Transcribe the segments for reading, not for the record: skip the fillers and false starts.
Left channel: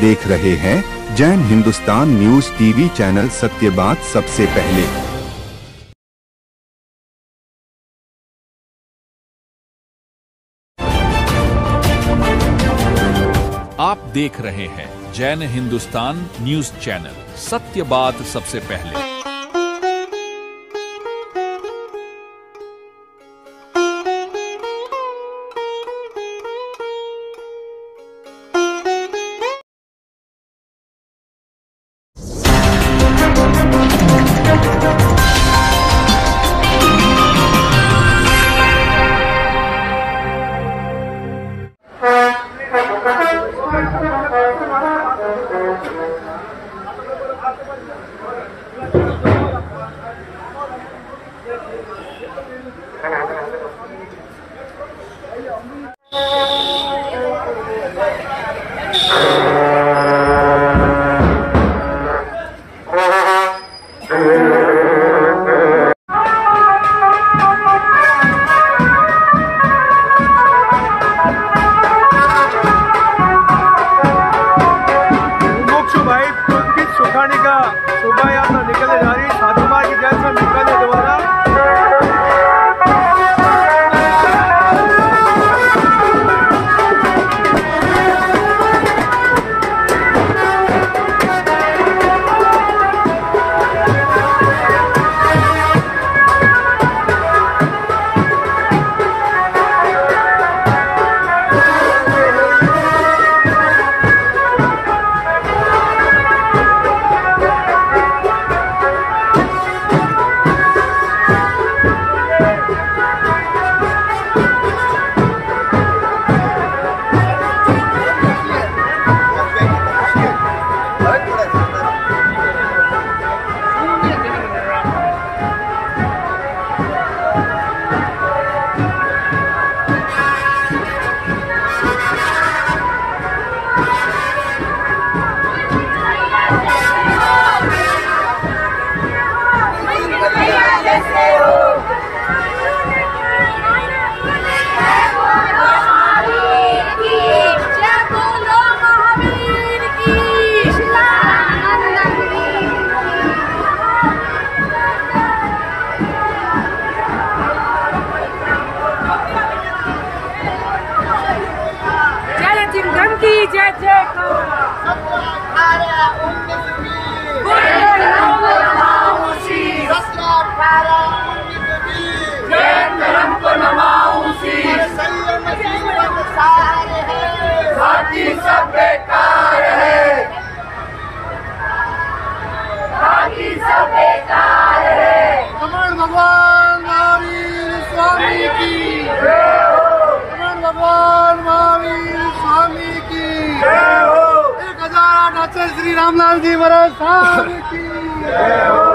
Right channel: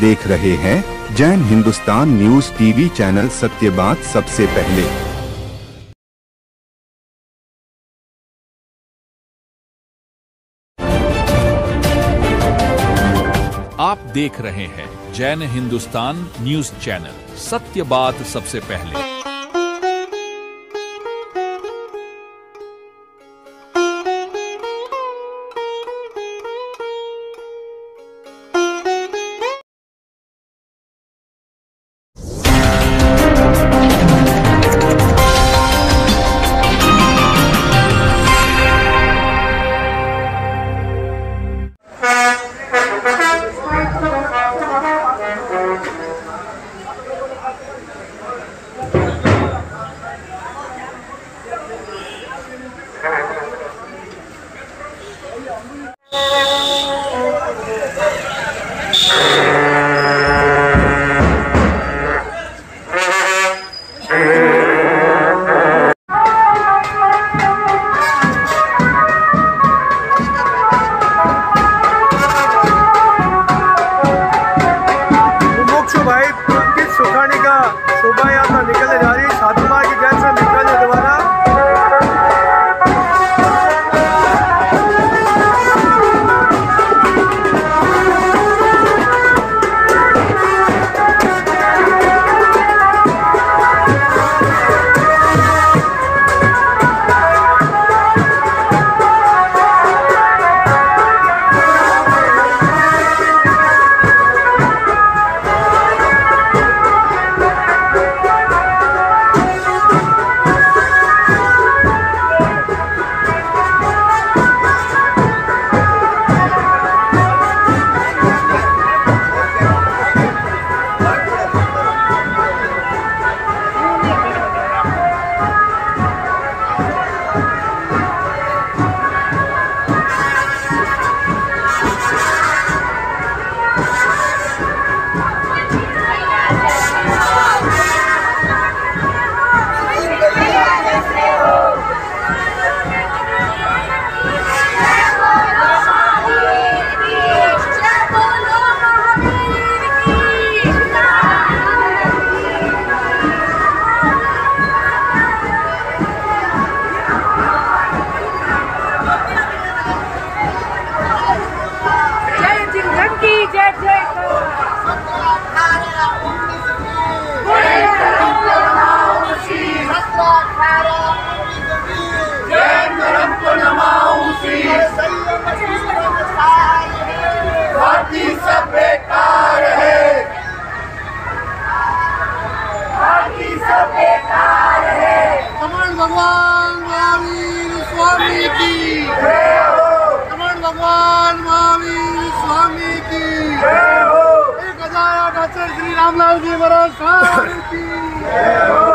देख रहे हैं Jain Hindustan news TV channel. सत्य बात सबसे पहले। आप देख रहे हैं जैन हिंदुस्तान न्यूज चैनल। सत्य बात सबसे पहले। भाई पुलकित सुखाने का शोभा यात्रा निकलने जा रही है साधुमार की जेल से निकलने द्वारा। बाकी सब बेकार है, बाकी सब बेकार है। कमल भगवान महावीर स्वामी की जय हो, कमल भगवान महावीर स्वामी की जय हो, 1008 श्री रामलाल जी महाराज स्वामी की जय हो।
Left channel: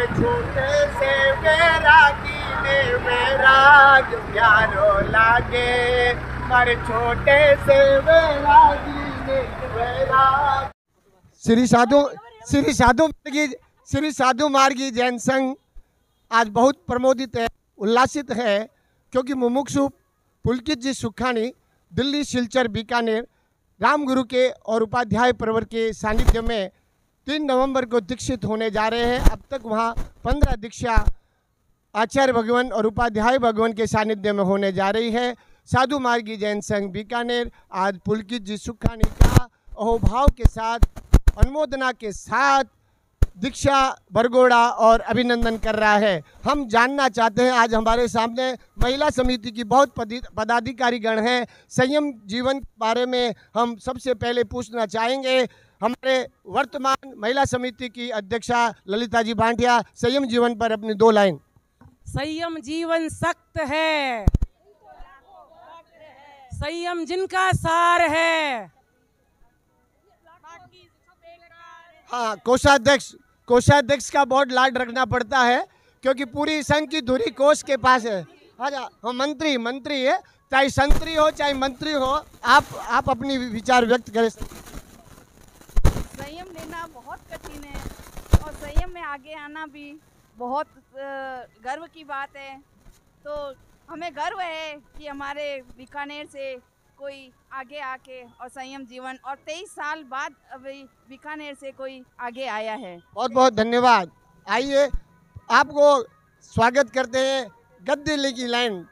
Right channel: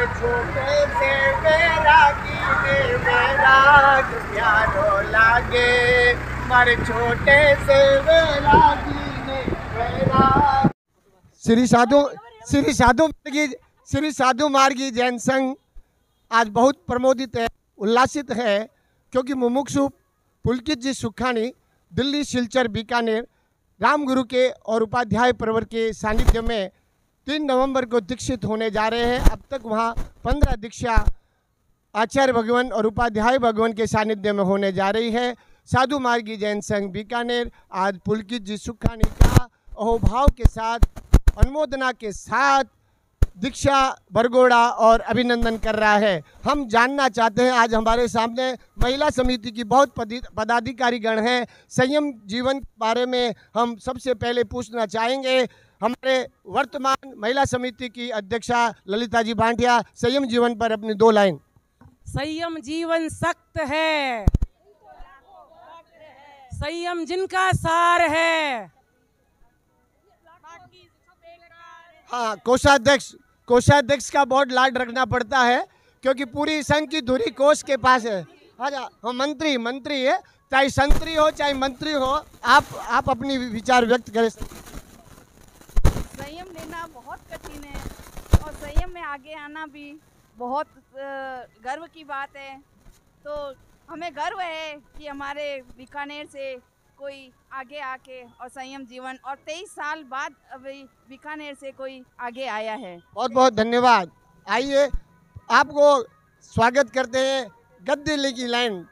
मारे छोटे से वैरागी ने वैराग प्यारो लागे, मारे छोटे से वैरागी ने वैराग। श्री साधु मार्गी जैन संघ आज बहुत प्रमोदित है, उल्लासित है, क्योंकि मुमुक्षु पुलकित जी सुखानी दिल्ली, सिलचर, बीकानेर रामगुरु के और उपाध्याय प्रवर के सानिध्य में 3 नवंबर को दीक्षित होने जा रहे हैं। अब तक वहां 15 दीक्षा आचार्य भगवान और उपाध्याय भगवान के सानिध्य में होने जा रही है। साधु मार्गी जैन संघ बीकानेर आज पुलकित जी सुखानी का अहोभाव के साथ, अनुमोदना के साथ दीक्षा बरगोड़ा और अभिनंदन कर रहा है। हम जानना चाहते हैं, आज हमारे सामने महिला समिति की बहुत पदाधिकारी गण हैं। संयम जीवन के बारे में हम सबसे पहले पूछना चाहेंगे हमारे वर्तमान महिला समिति की अध्यक्षा ललिता जी भाटिया। संयम जीवन पर अपनी 2 लाइन। संयम जीवन सख्त है, संयम जिनका सार है। हाँ, कोषाध्यक्ष का बहुत लाड रखना पड़ता है, क्योंकि पूरी संघ की धुरी कोष के पास है। हाँ, मंत्री है, चाहे संतरी हो चाहे मंत्री हो, आप अपनी विचार व्यक्त करें। संयम लेना बहुत कठिन है और संयम में आगे आना भी बहुत गर्व की बात है। तो हमें गर्व है कि हमारे बीकानेर से कोई आगे आके और संयम जीवन, और 23 साल बाद अभी बीकानेर से कोई आगे आया है। बहुत बहुत धन्यवाद। आइए आपको स्वागत करते हैं गद्दी की लाइन।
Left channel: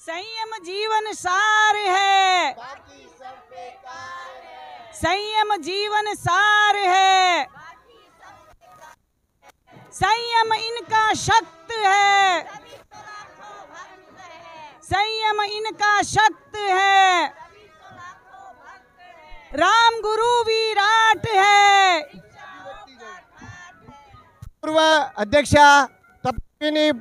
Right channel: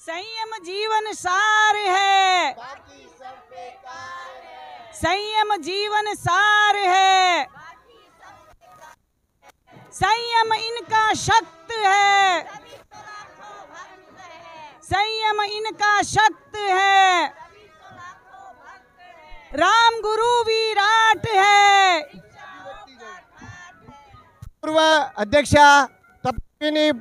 संयम जीवन सार है, संयम जीवन सार है, संयम इनका शक्ति है, संयम इनका शक्ति है, राम गुरु विराट है। पूर्व अध्यक्षा तपस्विनी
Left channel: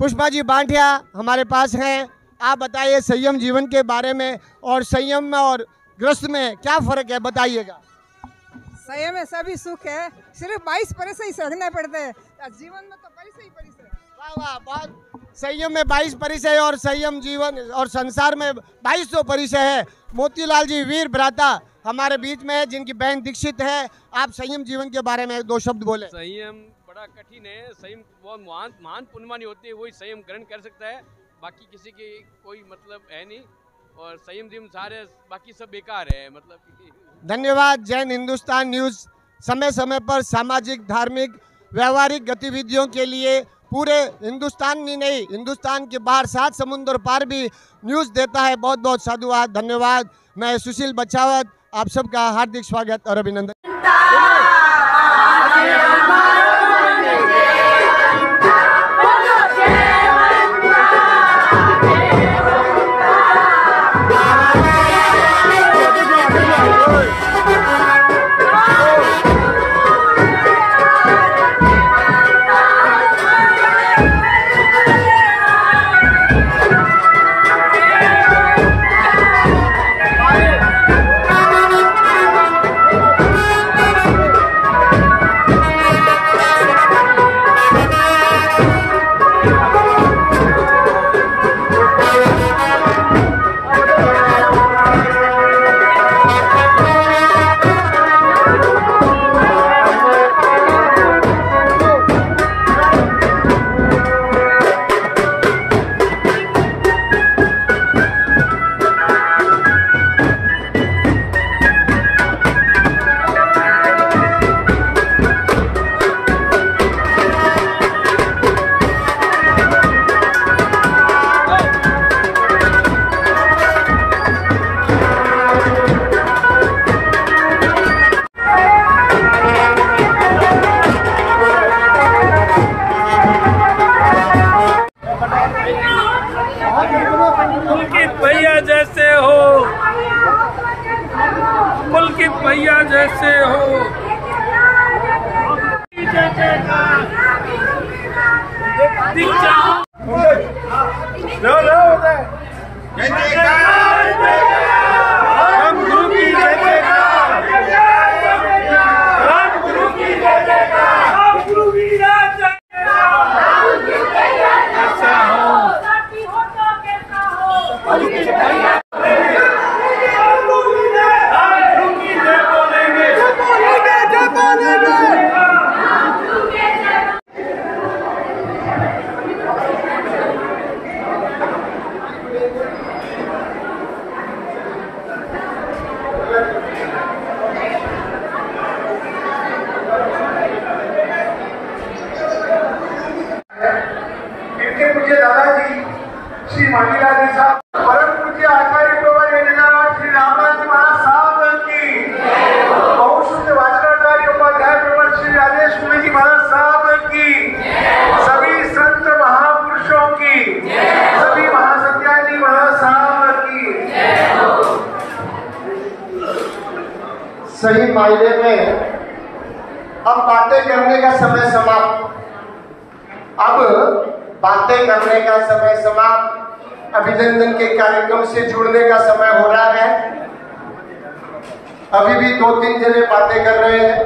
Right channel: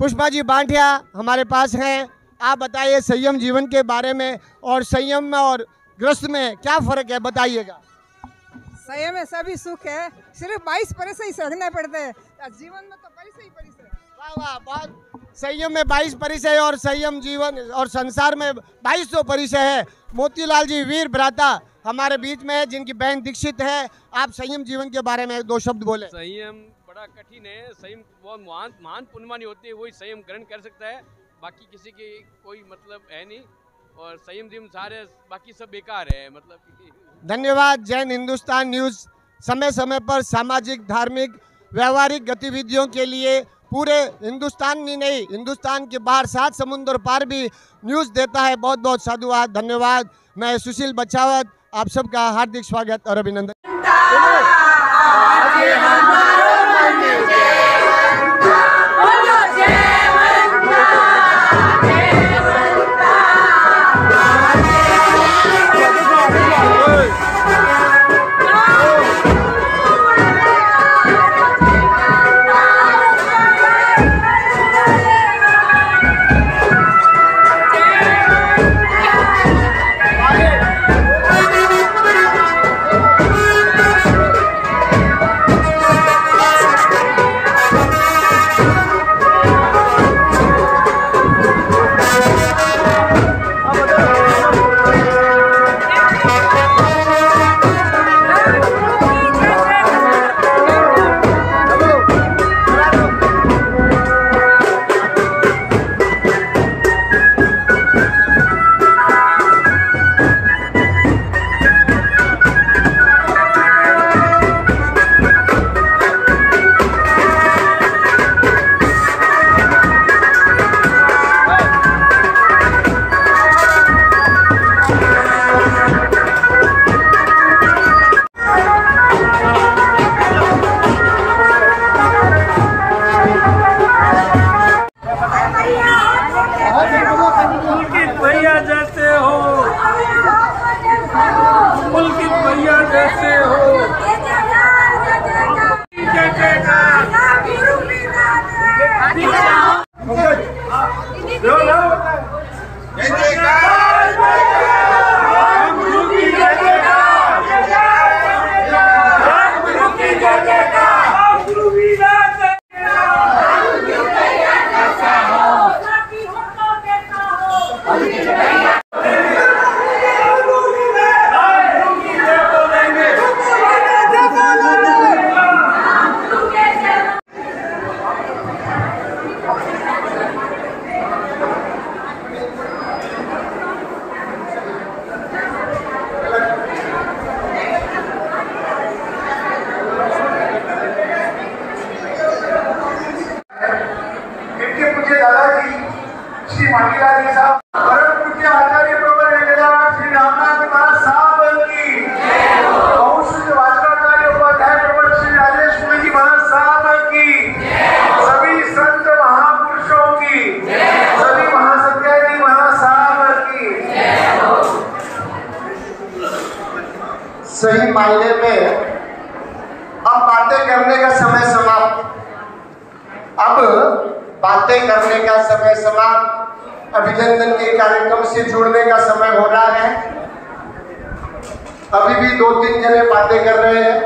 पुष्पा जी भाटिया हमारे पास हैं। आप बताइए संयम जीवन के बारे में, और संयम में और ग्रस्त में क्या फर्क है, बताइएगा। संयम में सभी सुख है, सिर्फ 22 परिस ही सहना पड़ता है। जीवन में तो परिस ही परिस है। वाह वाह, बहुत। संयम में 22 परिचय और संयम जीवन और संसार में 2200 परिचय है। मोतीलाल जी वीर भ्राता हमारे बीच में है, जिनकी बहन दीक्षित है। आप संयम जीवन के बारे में 2 शब्द बोले। संयम बड़ा कठिन है, संयम बहुत महान पुण्यवान होते हैं, वही संयम ग्रहण कर सकता है, बाकी किसी की कोई मतलब है नहीं। और संयम जीवन सारे बाकी सब बेकार है, मतलब। धन्यवाद। जैन हिंदुस्तान न्यूज़ समय समय पर सामाजिक, धार्मिक, व्यवहारिक गतिविधियों के लिए पूरे हिंदुस्तान में नहीं, हिंदुस्तान के बाहर 7 समुद्र पार भी न्यूज़ देता है। बहुत बहुत साधुवाद, धन्यवाद। मैं सुशील बचावत आप सबका हार्दिक स्वागत और अभिनंदन। श्री मांगीलाल जी साहब, परम पूज्य आचार्य प्रवर श्री रामनाथ जी महाराज साहब की, बहुश्रुत वाचनाचार्य उपाध्याय प्रवर श्री राजेश मुनि जी महाराज साहब की, सभी संत महापुरुषों की, सभी महासत्याय जी महाराज साहब की। सही मायने में अब बातें करने का समय समाप्त, अब बातें करने का समय समाप्त, अभिनंदन के कार्यक्रम से जुड़ने का समय हो रहा है। अभी भी 2-3 जने बातें कर रहे हैं,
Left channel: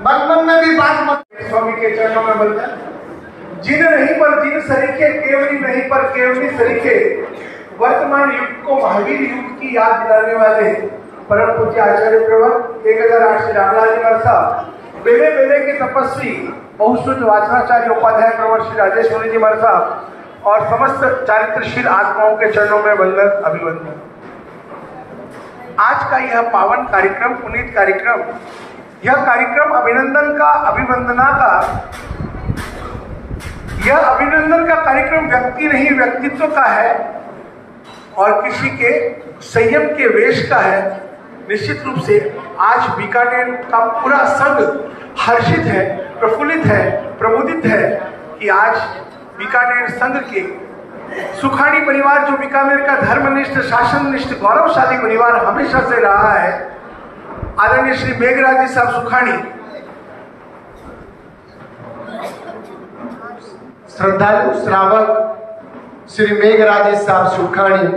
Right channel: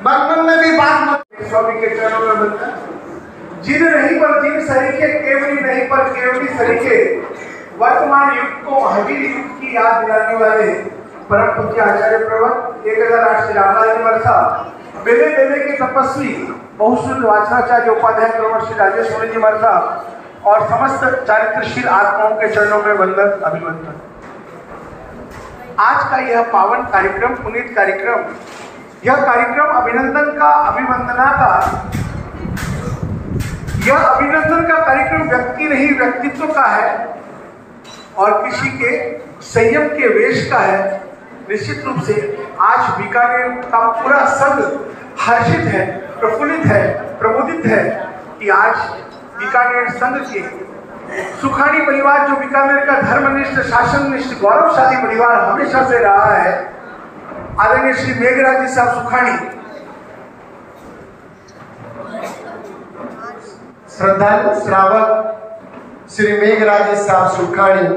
मन में भी बात मत। स्वामी के चरणों में बनता, जिन नहीं पर जिन सरीखे, केवली नहीं पर केवली सरीखे, वर्तमान युग को महावीर युग की याद दिलाने वाले परम पूज्य आचार्य प्रवर 1008 श्री रामलाल जी महाराज साहब, बेले बेले के तपस्वी, बहुश्रुत वाचनाचार्य उपाध्याय प्रवर श्री राजेश मुनि जी महाराज साहब और समस्त चारित्रशील आत्माओं के चरणों में वंदन अभिवंदन। आज का यह पावन कार्यक्रम, पुनीत कार्यक्रम, यह कार्यक्रम अभिनंदन का, अभिवंदना का, यह अभिनंदन का कार्यक्रम व्यक्ति नहीं व्यक्तित्व का है और किसी के संयम के वेश का है। निश्चित रूप से आज बीकानेर का पूरा संघ हर्षित है, प्रफुल्लित है, प्रमुदित है कि आज बीकानेर संघ के सुखानी परिवार, जो बीकानेर का धर्मनिष्ठ, शासननिष्ठ, गौरवशाली परिवार हमेशा से रहा है, आदरणीय श्री मेघराज जी साहब सुखानी, श्रद्धालु श्रावक श्री मेघराज साहब सुखानी,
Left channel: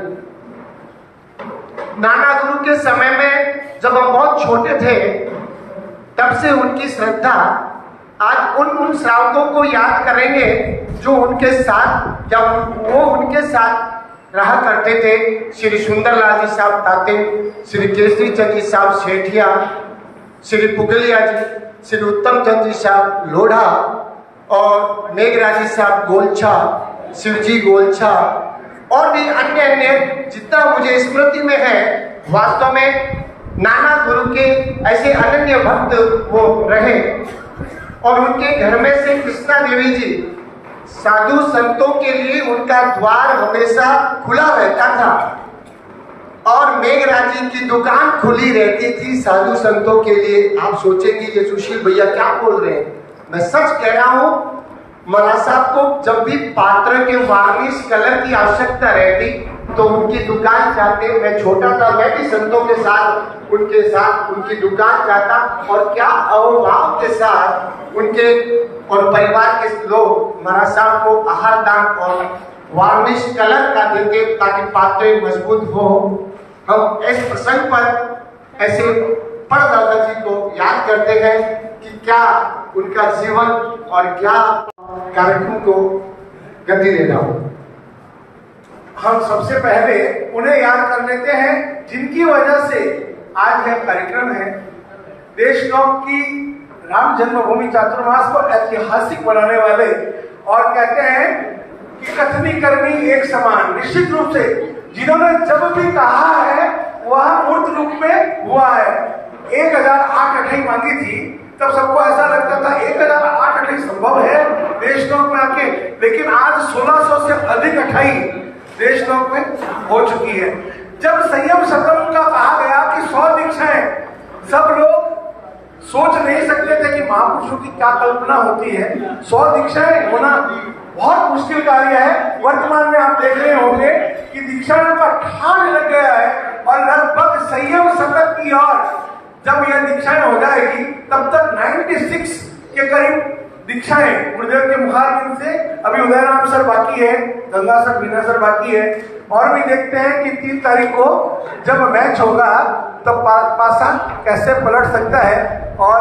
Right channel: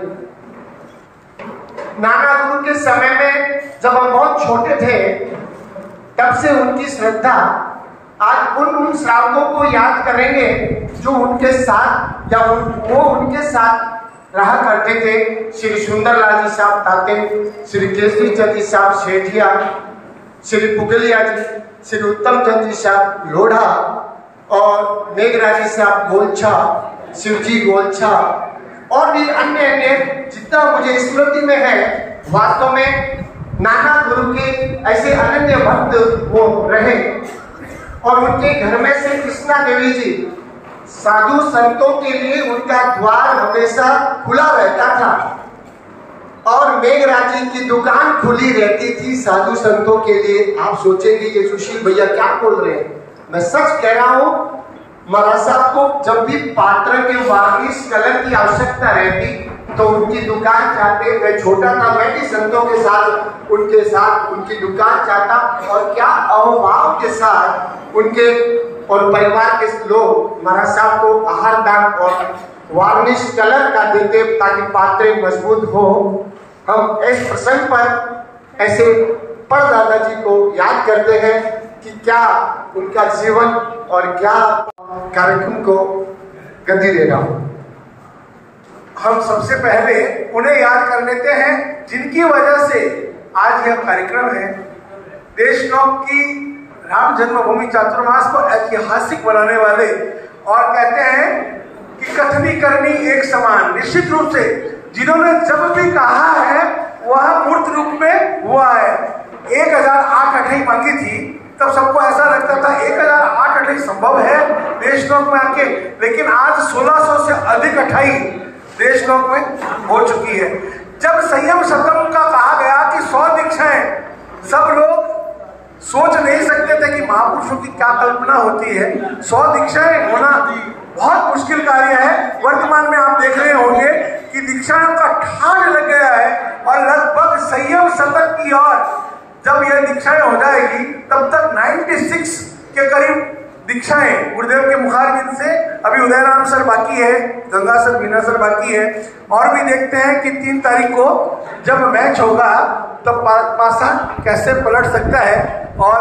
नाना गुरु के समय में जब हम बहुत छोटे थे तब से उनकी श्रद्धा, आज उन श्रावकों को याद करेंगे जो उनके साथ या वो उनके साथ रहा करते थे। श्री सुंदरलाल जी साहब ताते, श्री केसरी चंद जी साहब सेठिया, श्री पुगलिया जी, श्री उत्तम चंद जी साहब लोढ़ा और मेघराज जी साहब गोलछा, शिवजी गोलछा और भी अन्य जितना मुझे स्मृति में है। वास्तव में नाना गुरु के ऐसे अनन्य भक्त वो रहे और उनके घर में से कृष्णा देवी जी, साधु संतों के लिए उनका द्वार हमेशा खुला रहता था और मेघराज जी की दुकान खुली रहती थी साधु संतों के लिए। आप सोचेंगे ये सुशील भैया क्या बोल रहे हैं, मैं सच कह रहा हूं। महाराज साहब को जब भी पात्र के वार्निश कलर की आवश्यकता रहती तो उनकी दुकान जाते। मैं छोटा था, मैं भी संतों के साथ उनकी दुकान जाता और क्या अहोभाव के साथ उनके और परिवार के लोग महाराज साहब को आहार दान और वार्निश कलर का देते ताकि पात्रे मजबूत हो। हम इस प्रसंग पर ऐसे परदादा जी को याद करते हैं कि क्या उनका जीवन और क्या कार्यक्रम को गति देना हो। हम सबसे पहले उन्हें याद कर लेते हैं जिनकी वजह से आज यह कार्यक्रम है। देशनोक की राम जन्मभूमि चातुर्मास को ऐतिहासिक बनाने वाले और कहते हैं कि कथनी करनी एक समान। निश्चित रूप से जिन्होंने जब भी कहा है वह मूर्त रूप में हुआ है। 1008 अठई मांगी थी तब सबको ऐसा लगता था 1008 अठई संभव है देशनोक में आके, लेकिन आज 1600 से अधिक अठई देशनोक में हो चुकी है। जब संयम शतम का कहा गया कि 100 दीक्षाएं, सब लोग सोच नहीं सकते थे कि महापुरुषों की क्या कल्पना होती है। 100 दीक्षाएं होना बहुत मुश्किल कार्य है। वर्तमान में आप देख रहे होंगे कि दीक्षाओं का ठान लग गया है और लगभग संयम शतक की ओर जब यह दीक्षाएं हो जाएगी तब तक 96 के करीब दीक्षाएं गुरुदेव के मुखारबिंद से। अभी उदयराम सर बाकी है, गंगा सर, बीना सर बाकी है और भी देखते हैं कि 3 तारीख को जब मैच होगा तो पासा कैसे पलट सकता है। और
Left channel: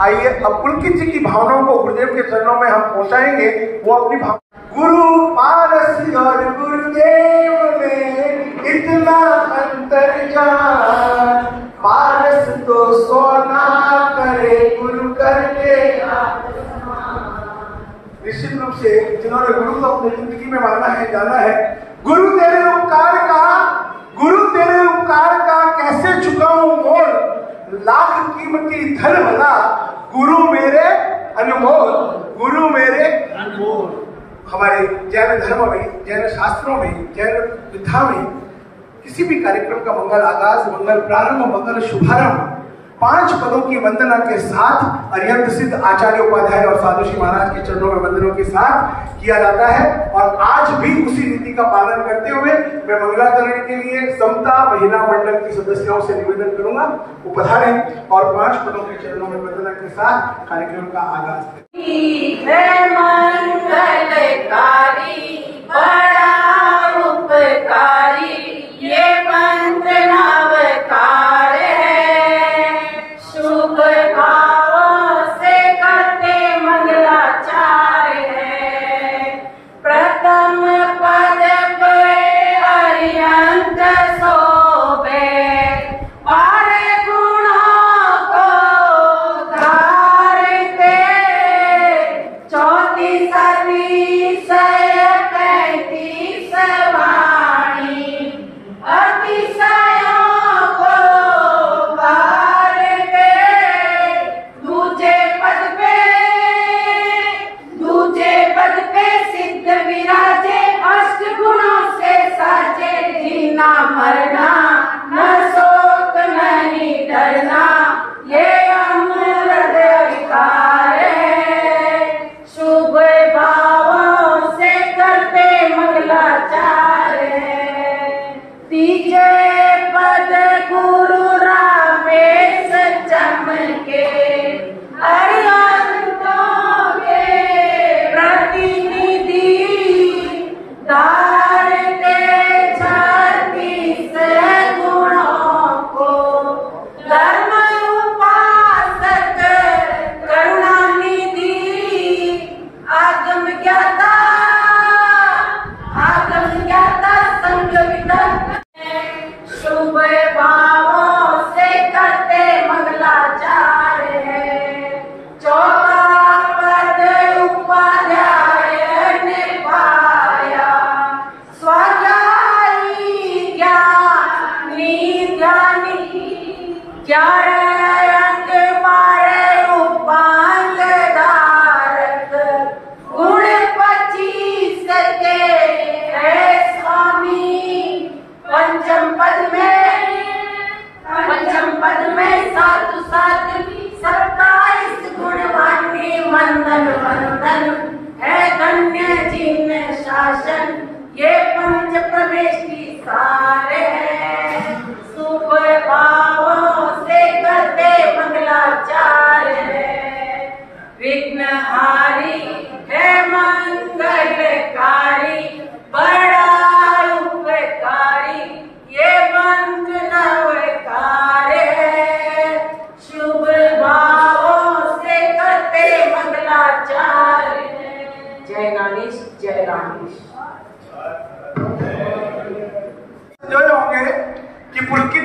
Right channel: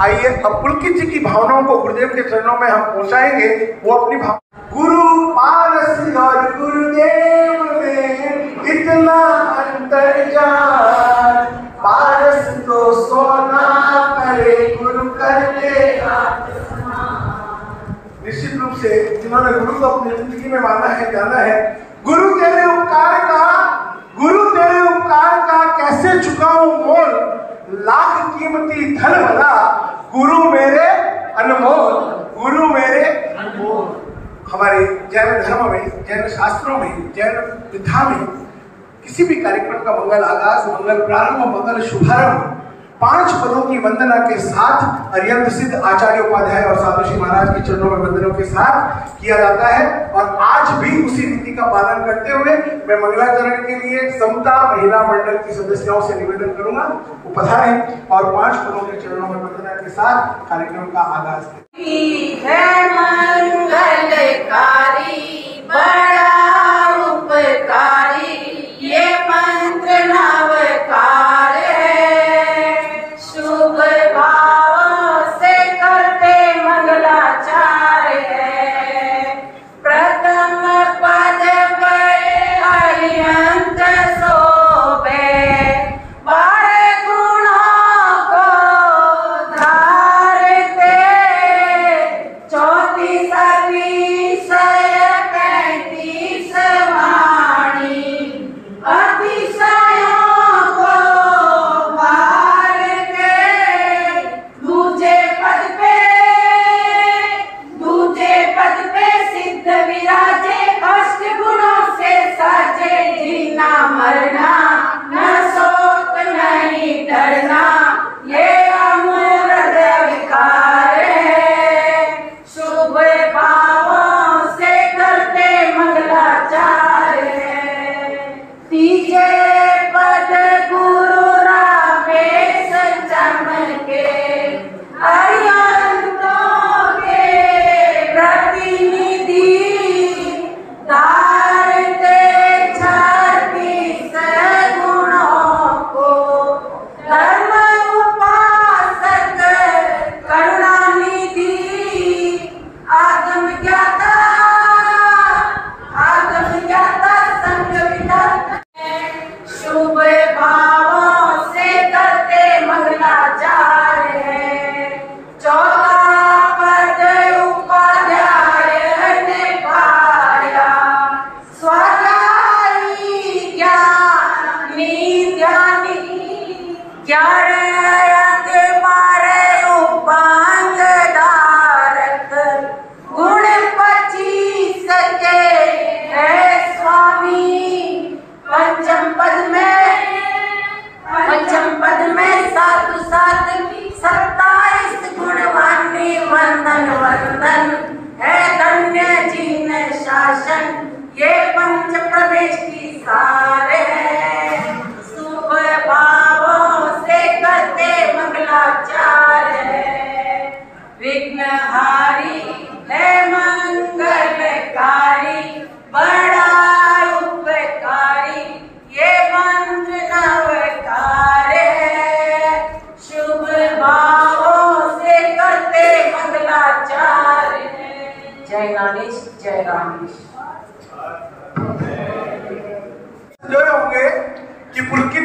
आइए अब पुलकित जी की भावनाओं को गुरुदेव के चरणों में हम पहुंचाएंगे। वो अपनी भावना गुरु पारस और गुरुदेव में इतना अंतर जान, पारस तो सोना करे गुरु करके। निश्चित रूप से जिन्होंने गुरु को अपनी जिंदगी में माना है, जाना है, गुरु तेरे उपकार का कैसे चुकाऊं मोल, लाख कीमती धन भला गुरु मेरे अनमोल, गुरु मेरे अनमोल। हमारे जैन धर्म में जैन शास्त्रों में, जैन विधा में किसी भी कार्यक्रम का मंगल आगाज, मंगल प्रारंभ, मंगल शुभारंभ 5 पदों की वंदना के साथ अरिहंत सिद्ध आचार्य उपाध्याय और साधु श्री महाराज के चरणों में वंदनों के साथ किया जाता है। और आज भी उसी रीति का पालन करते हुए मैं मंगलाचरण के लिए समता महिला मंडल की सदस्यों से निवेदन करूंगा वो पधारें और 5 पदों के चरणों में वंदना के साथ कार्यक्रम का आगाज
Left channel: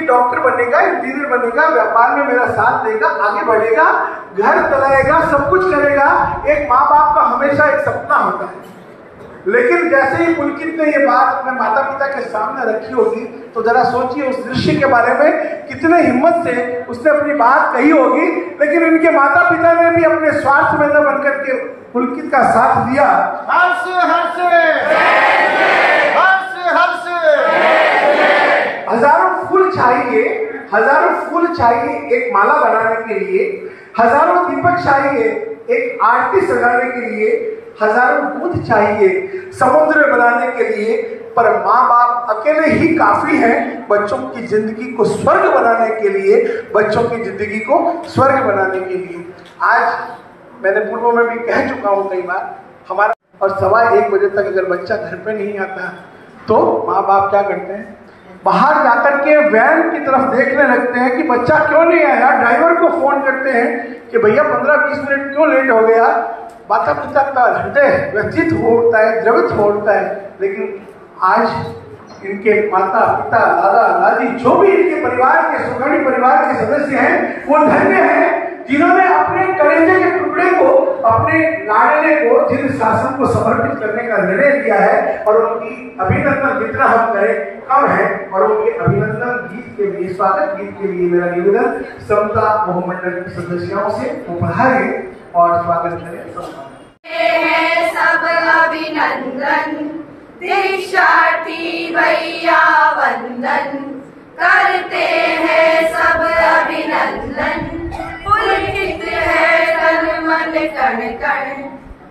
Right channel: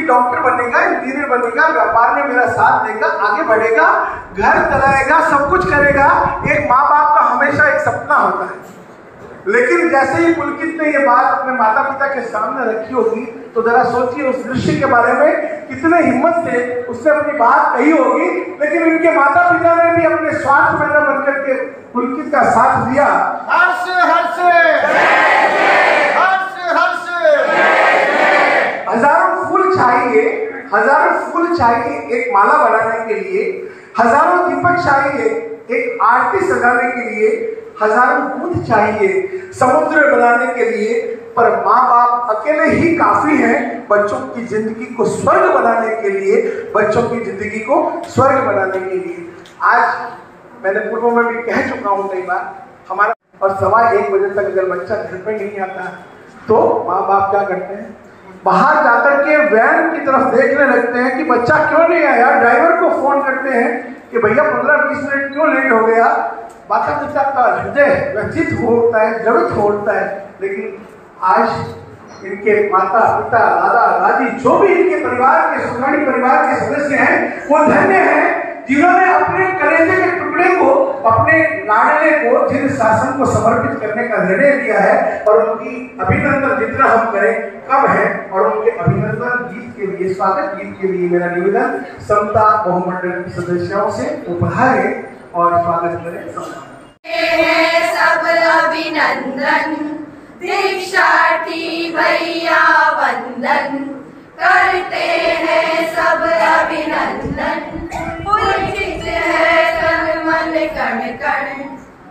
डॉक्टर बनेगा, इंजीनियर बनेगा, व्यापार में मेरा साथ देगा, आगे बढ़ेगा, घर चलाएगा, सब कुछ करेगा। एक माँ बाप का हमेशा एक सपना होता है। लेकिन जैसे ही पुलकित ने ये बात अपने माता पिता के सामने रखी होगी तो जरा सोचिए उस दृश्य के बारे में, कितने हिम्मत से उसने अपनी बात कही होगी। लेकिन उनके माता पिता ने भी अपने स्वार्थ में न बनकर के पुलकित का साथ दिया। हर्ष हर्ष हर्ष हर्ष। हजारों फूल चाहिए एक माला बनाने के लिए, हजारों दीपक चाहिए एक आरती सजाने के लिए, हजारों दूध चाहिए समुद्र बनाने के लिए, पर माँ बाप अकेले ही काफी हैं बच्चों की जिंदगी को स्वर्ग बनाने के लिए, बच्चों की जिंदगी को स्वर्ग बनाने के लिए। आज मैंने पूर्व में भी कह चुका हूँ कई बार, हमारा और 1:15 बजे तक अगर बच्चा घर पे नहीं आता तो माँ बाप क्या करते हैं, बाहर जाकर के वैन की तरफ देखने लगते हैं कि बच्चा क्यों नहीं आया। ड्राइवर को फोन करते हैं कि भैया 15-20 मिनट क्यों लेट हो गया। माता पिता का हृदय व्यथित होता है, द्रवित होता है। लेकिन आज इनके माता पिता दादा दादी जो भी इनके परिवार के सुखानी परिवार के सदस्य हैं वो धन्य हैं जिन्होंने अपने कलेजे के टुकड़े को, अपने लाडले को, जिन शासन को समर्पित करने का निर्णय लिया है। और उनकी अभिनंदन जितना हम करें कम है। और उनके अभिनंदन गीत के लिए, स्वागत गीत के लिए मेरा निवेदन समता बहुमंडल की सदस्यों से उपहारें और स्वागत करें। सब अभिनंदन दीक्षार्थी भैया वंदन करते हैं सब अभिनंदन। पुलकित है तन मन कण कण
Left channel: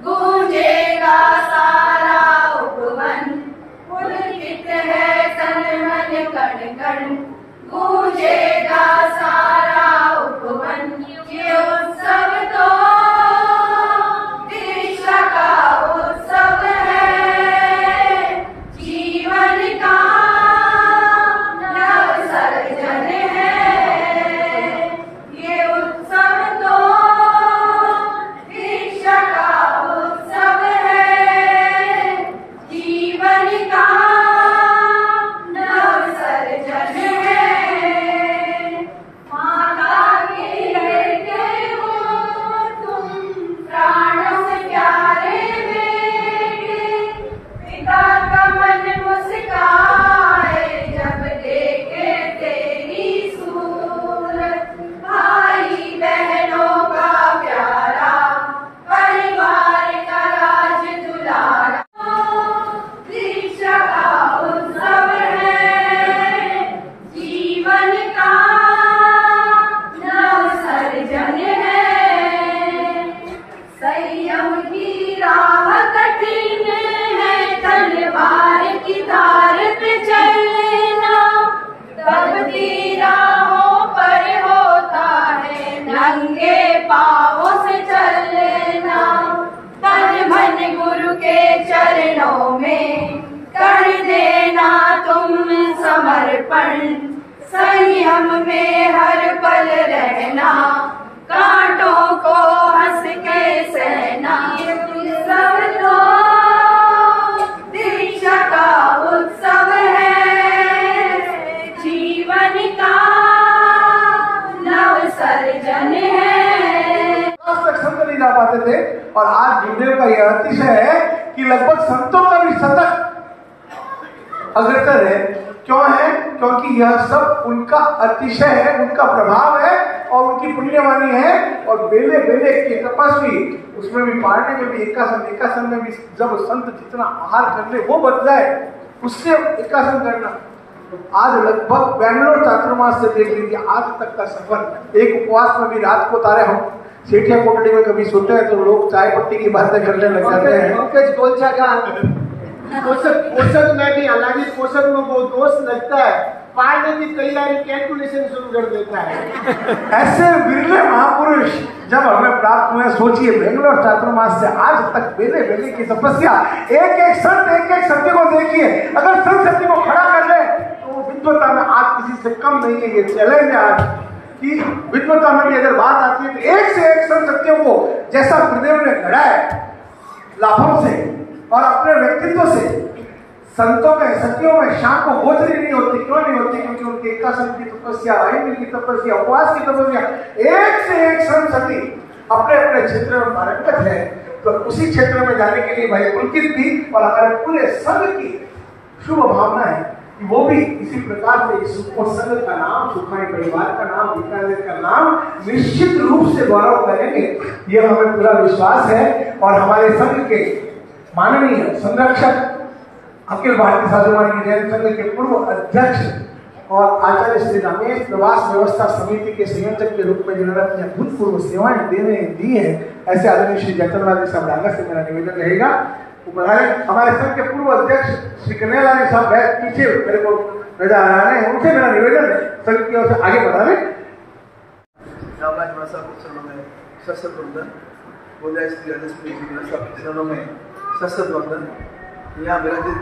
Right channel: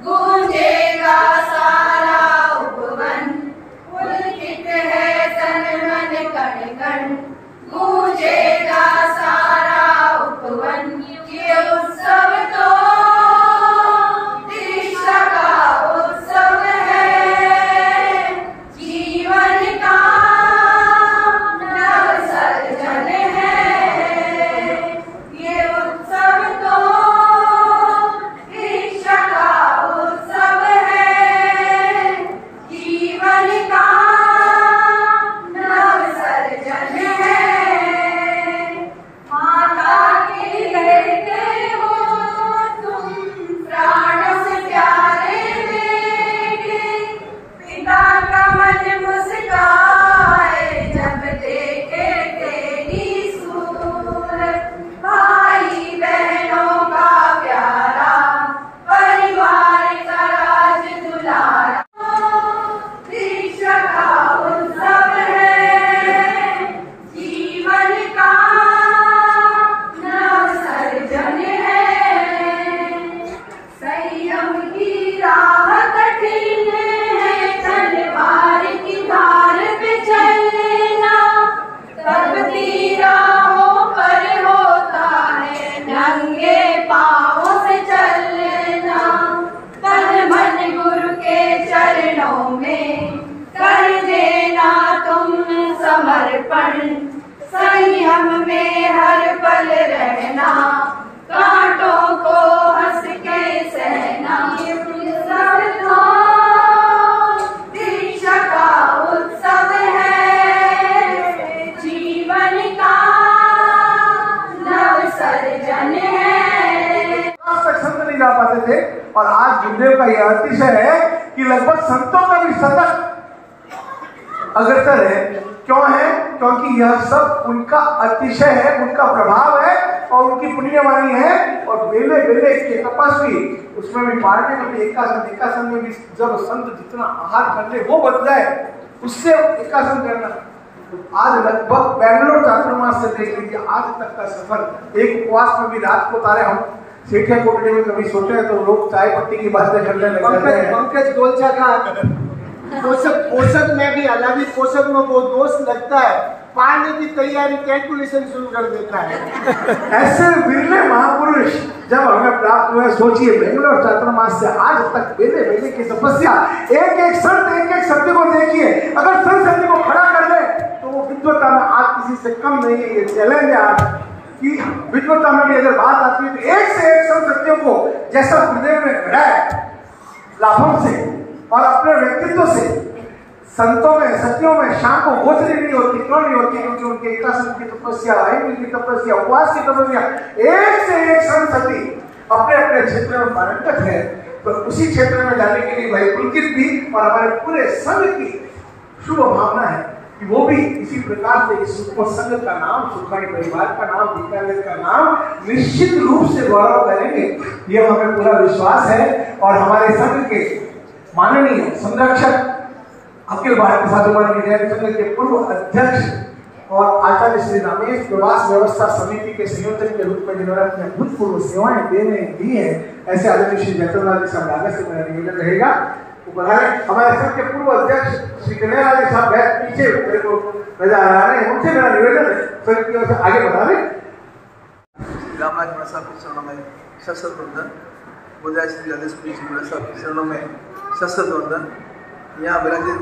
गूंजेगा सारा उपवन। पुलकित है तन मन कण कण गूंजेगा सारा उपवन। ये उत्सव तो दीक्षा का उत्सव है, जीवन का नव सर्जन है। ये उत्सव तो दीक्षा का उत्सव है, जीवन का नव सर्जन है। माता के लेते हो तुम प्राण से प्यारे बेटे, पिता का मन मुस्काए जब देखे तेरी सूरत। भाई बहनों का प्यारा परिवार का राज दुलारा। दीक्षा का उत्सव है, जीवन का नव सर्जन है। संयम की राह कठिन है, तलवार की धार पे चलना। तपती राहों पर होता है नंगे पाँवों से चलना। तन मन गुरु के चरणों में कर देना तुम समर्पण। संयम में हर पल रहना, कांटों को हंस के सहना। उत्सव तो दीक्षा का उत्सव है, जीवन का नव सर्जन है। आज तक संत नहीं जा पाते थे और आज गुरुदेव का यह अतिशय है कि लगभग संतों का भी शतक अग्रसर है। क्यों है? क्योंकि यह सब उनका अतिशय है, उनका प्रभाव है और उनकी पुण्यवाणी है। और बेले बेले के तपस्वी, उसमें भी पारने में भी एकासन में भी जब संत जितना आहार कर ले वो बच जाए, उससे एकासन करना। आज लगभग बेंगलोर चातुर्मास से देख लीजिए आज तक का सफर। एक उपवास में भी रात को तारे हम सेठिया कोटड़ी में कभी सोते हैं तो लोग चाय पत्ती की बातें करने लग जाते हैं। पंकज गोलचा का पोषक में भी हालांकि पोषक में बहुत दोष लगता है, पाने की तैयारी कैलकुलेशन शुरू कर देता है। ऐसे बिरले महापुरुष जब हमें प्राप्त हुए, सोचिए बेंगलोर चातुर्मास से आज तक बेले बेले की तपस्या। एक एक संत एक एक सत्य को देखिए, अगर संत सत्य को खड़ा कर ले तो वो विद्वता में आज किसी से कम नहीं है। ये चैलेंज है आज कि विद्वता में भी अगर बात आती है तो एक से एक संत सत्यों को जैसा गुरुदेव ने गढ़ा है लाभों से और अपने व्यक्तित्व से, संतों में सत्यों में शाम को गोचरी नहीं होती। क्यों नहीं होती? क्योंकि उनके एकासन की तपस्या, वाहिनी की तपस्या, उपवास की तपस्या, एक से एक संत सती अपने अपने क्षेत्र में पारंगत है। तो उसी क्षेत्र में जाने के लिए भाई पुलकित भी और हमारे पूरे संघ की शुभ भावना है कि वो भी इसी प्रकार से इस संघ का नाम, सुखानी परिवार का नाम, बीकानेर का नाम निश्चित रूप से गौरव करेंगे। ये हमें पूरा विश्वास है। और हमारे संघ के माननीय संरक्षक अखिल भारतीय साधु महाराज जैन संघ के पूर्व अध्यक्ष और आचार्य श्री रमेश प्रवास व्यवस्था समिति के संयोजक के रूप में जिन्होंने अपनी अभूतपूर्व सेवाएं दी है, ऐसे आदरणीय श्री जयतनलाल जी साहब आगे से मेरा निवेदन रहेगा। हमारे संघ के पूर्व अध्यक्ष श्री कन्हैया साहब बैठ पीछे मेरे को नजर आ रहा है, उनसे मेरा निवेदन है संघ की ओर से आगे बढ़ा रहे। रामराज साहब के चरणों में सशस्त्र वंदन, गोदाई श्री राजेश्वरी जी साहब के चरणों में सशस्त्र वंदन, यहाँ विराजित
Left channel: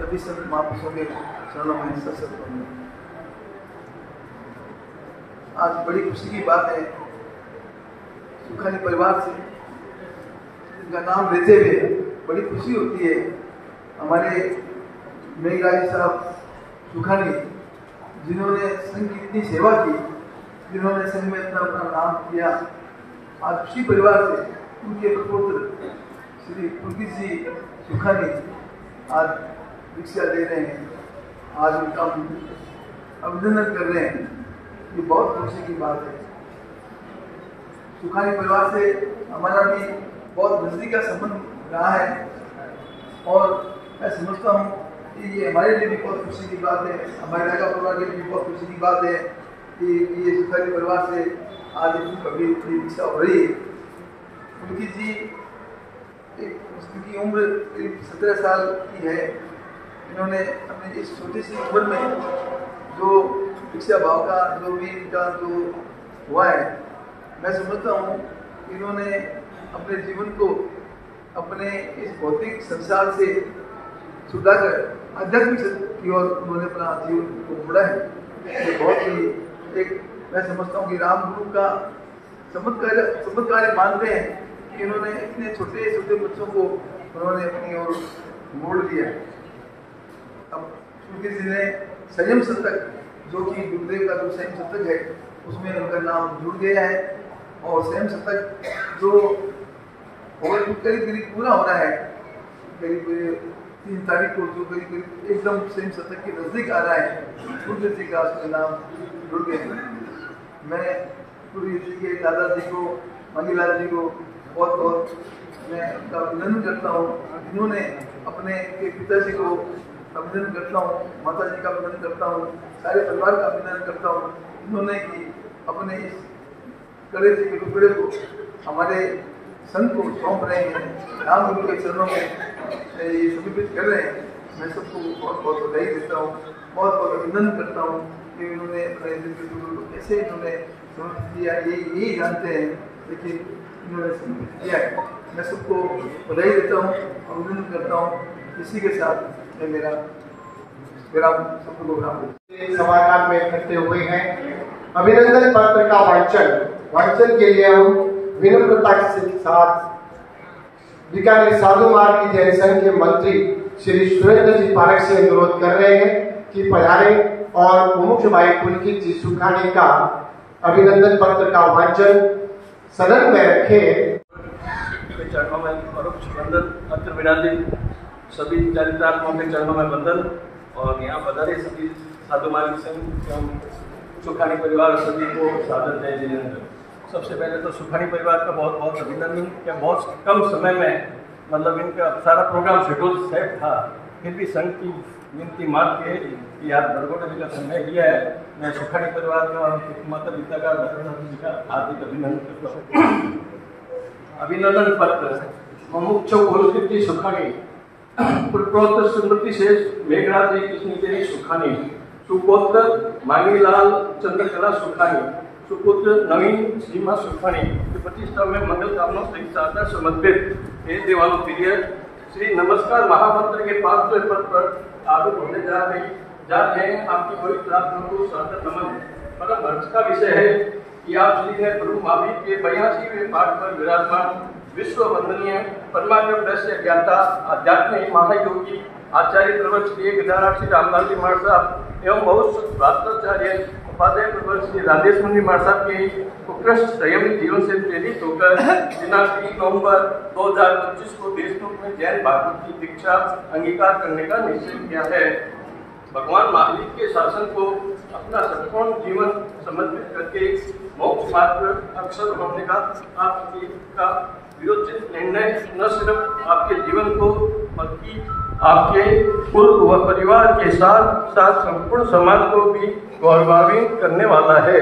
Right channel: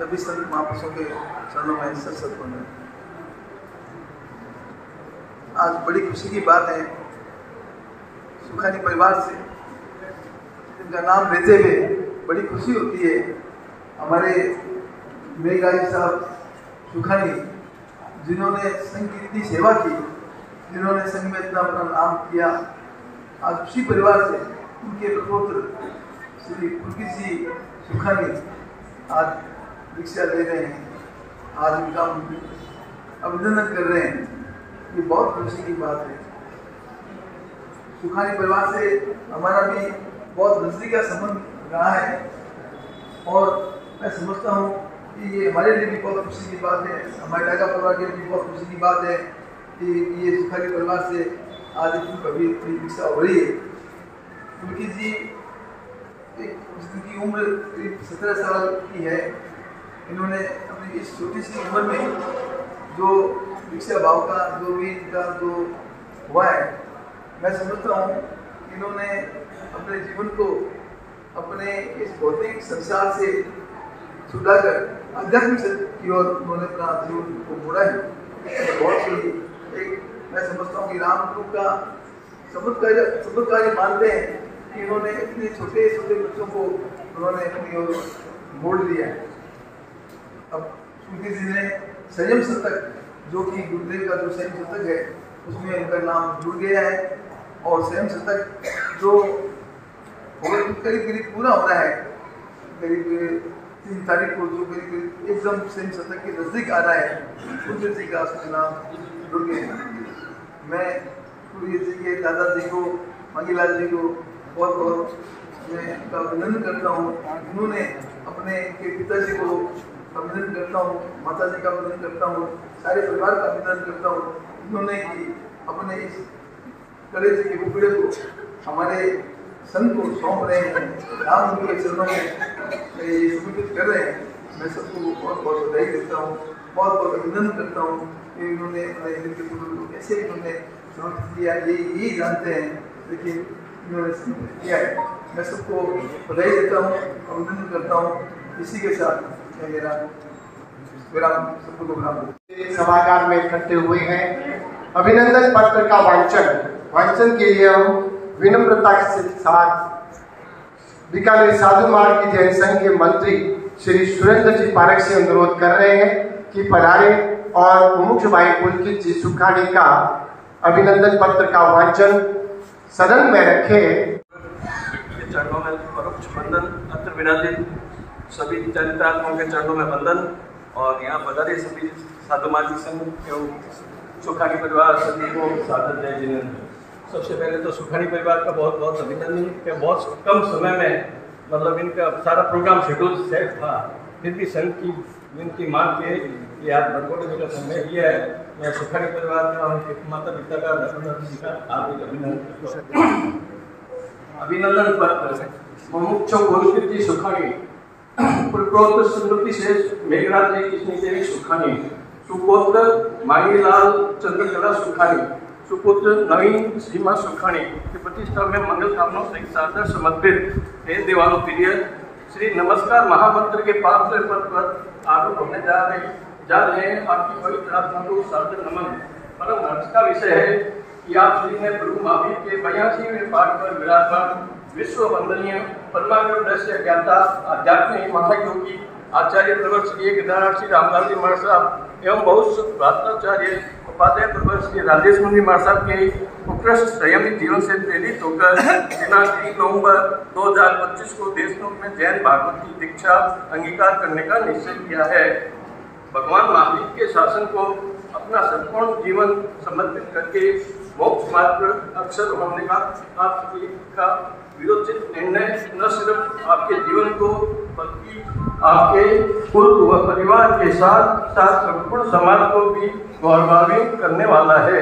सभी संत महापुरुषों के चरणों में सशस्त्र वंदन। आज बड़ी खुशी की बात है, सुखानी परिवार से उनका नाम लेते हुए बड़ी खुशी होती है। हमारे मेघराज साहब सुखानी जिन्होंने संघ की इतनी सेवा की, जिन्होंने संघ में इतना अपना नाम किया, आज उसी परिवार से उनके पुत्र श्री पुलकित जी सुखानी आज दीक्षा ले रहे हैं, आज उनका अभिनंदन कर रहे हैं। ये बहुत खुशी की बात है। सुखानी परिवार से हमारा भी बहुत नजदीक का संबंध रहा है और मैं समझता हूँ कि ये हमारे लिए भी बहुत खुशी की बात है, हमारे नागा परिवार के लिए भी बहुत खुशी की बात है कि ये सुखानी परिवार से आज अभी दीक्षा हो रही है। उनकी जी उनकी उम्र करीब 17 साल की है। इन्होंने अपनी इस छोटी सी उम्र में जो दीक्षा भाव का जो भी इनका जो हुआ है, मैं समझता हूँ इन्होंने अपने जीवन को अपने इस भौतिक संसार से छुड़ाकर आध्यात्मिक की ओर उन्होंने अपना जीवन को मोड़ा है। ये बहुत ही एक मैं समझता हूँ कि राम गुरु का चमत्कार मानते हैं कि इन्होंने इतने छोटे छोटे बच्चों को उन्होंने अपनी ओर मोड़ लिया। अब श्रुति जी ने संयम शतक जो कि गुरुदेव का जो संयम शतक है उसमें उनका नाम जुड़ गया है और संयम शतक जो करीब पूरा होना है, करीब 3 तारीख को जो करीब एकदम संयम शतक के नजदीक आ रहा है, गुरुदेव जी का उसका नाम जुड़ गए हैं। मैं गुरुदेव जी के दादाजी को, मंगीलाल जी को बहुत बहुत मैं उनका अभिनंदन करता हूँ। उन्होंने अपने के पिताजी को अभिनंदन करता हूँ, माता जी का अभिनंदन करता हूँ, सारे परिवार का अभिनंदन करता हूँ। उन्होंने कि अपने इस कलेज के टुकड़े को हमारे संत को सौंप रहे हैं, राम गुरु के चरणों में ये समर्पित कर रहे हैं। मैं सबको बहुत बहुत बधाई देता हूँ, बहुत बहुत अभिनंदन करता हूँ कि उन्होंने अपने दिल के टुकड़े को कैसे इन्होंने समर्पित किया, यही जानते हैं, लेकिन इन्होंने समर्पित किया है। मैं सबको बधाई देता हूँ, अभिनंदन करता हूँ। इसी के साथ मैं मेरा विराम सबको विराम सभागार में इकट्ठे हुए हैं। अभिनंदन पत्र का वांचन के लिए हम विनम्रता के साथ बीकानेर साधु मार्ग की जैन संघ के मंत्री श्री सुरेंद्र जी पारक से अनुरोध कर रहे हैं कि पधारे और मुख्य भाई पुलकित जी सुखानी का अभिनंदन पत्र का वांचन सदन में रखे। चरणों में परोक्ष वंदन, अत्र विराजित सभी चरितात्माओं के चरणों में वंदन और यहाँ पधारे सभी साधु मार्ग संघ एवं सुखानी परिवार सभी को सादर जय जिनेंद्र। सबसे पहले तो सुखानी परिवार का बहुत बहुत अभिनंदन कि बहुत कम समय में मतलब इनका सारा प्रोग्राम शेड्यूल सेट था, फिर भी संघ की विनती मान के ये आप बरगोड़े जी का समय लिया है। मैं सुखानी परिवार का माता पिता का जी का हार्दिक अभिनंदन करता हूँ। अभिनंदन पत्र मुमुक्ष पुलकित सुखानी, पुत्र स्मृति से मेघराज जी कृष्ण सुखानी, सुपुत्र मांगीलाल चंद्रकला सुखानी, सुपुत्र नवीन सीमा सुखानी की प्रतिष्ठा में मंगल कामना से सादर समर्पित हे देवान प्रिय श्री नमस्कार महामंत्र के पात्र पद पर आरूढ़ होने जा रहे हैं। आपकी पवित्र आत्मा को सादर नमन। परम हर्ष का विषय है कि आप श्री ने प्रभु महावीर के 82वें पाठ पर विराजमान विश्व वंदनीय परमात्म दृश्य ज्ञाता आध्यात्मिक महायोगी आचार्य प्रवर श्री गिरधाराज श्री रामलाल जी महाराज साहब एवं बहुत भ्राताचार्य उपाध्याय प्रवर श्री राजेश मुनि महाराज साहब के उत्कृष्ट संयमी जीवन से प्रेरित होकर दिनांक 3 नवंबर 2025 को देशमुख में जैन भागवत की दीक्षा अंगीकार करने का निश्चय किया है। भगवान महावीर के शासन को अपना संपूर्ण जीवन समर्पित करके मोक्ष मार्ग पर अक्षर होने का आपका विरोचित निर्णय न सिर्फ आपके जीवन को बल्कि आपके कुल व परिवार के साथ साथ संपूर्ण समाज को भी गौरवान्वित करने वाला है।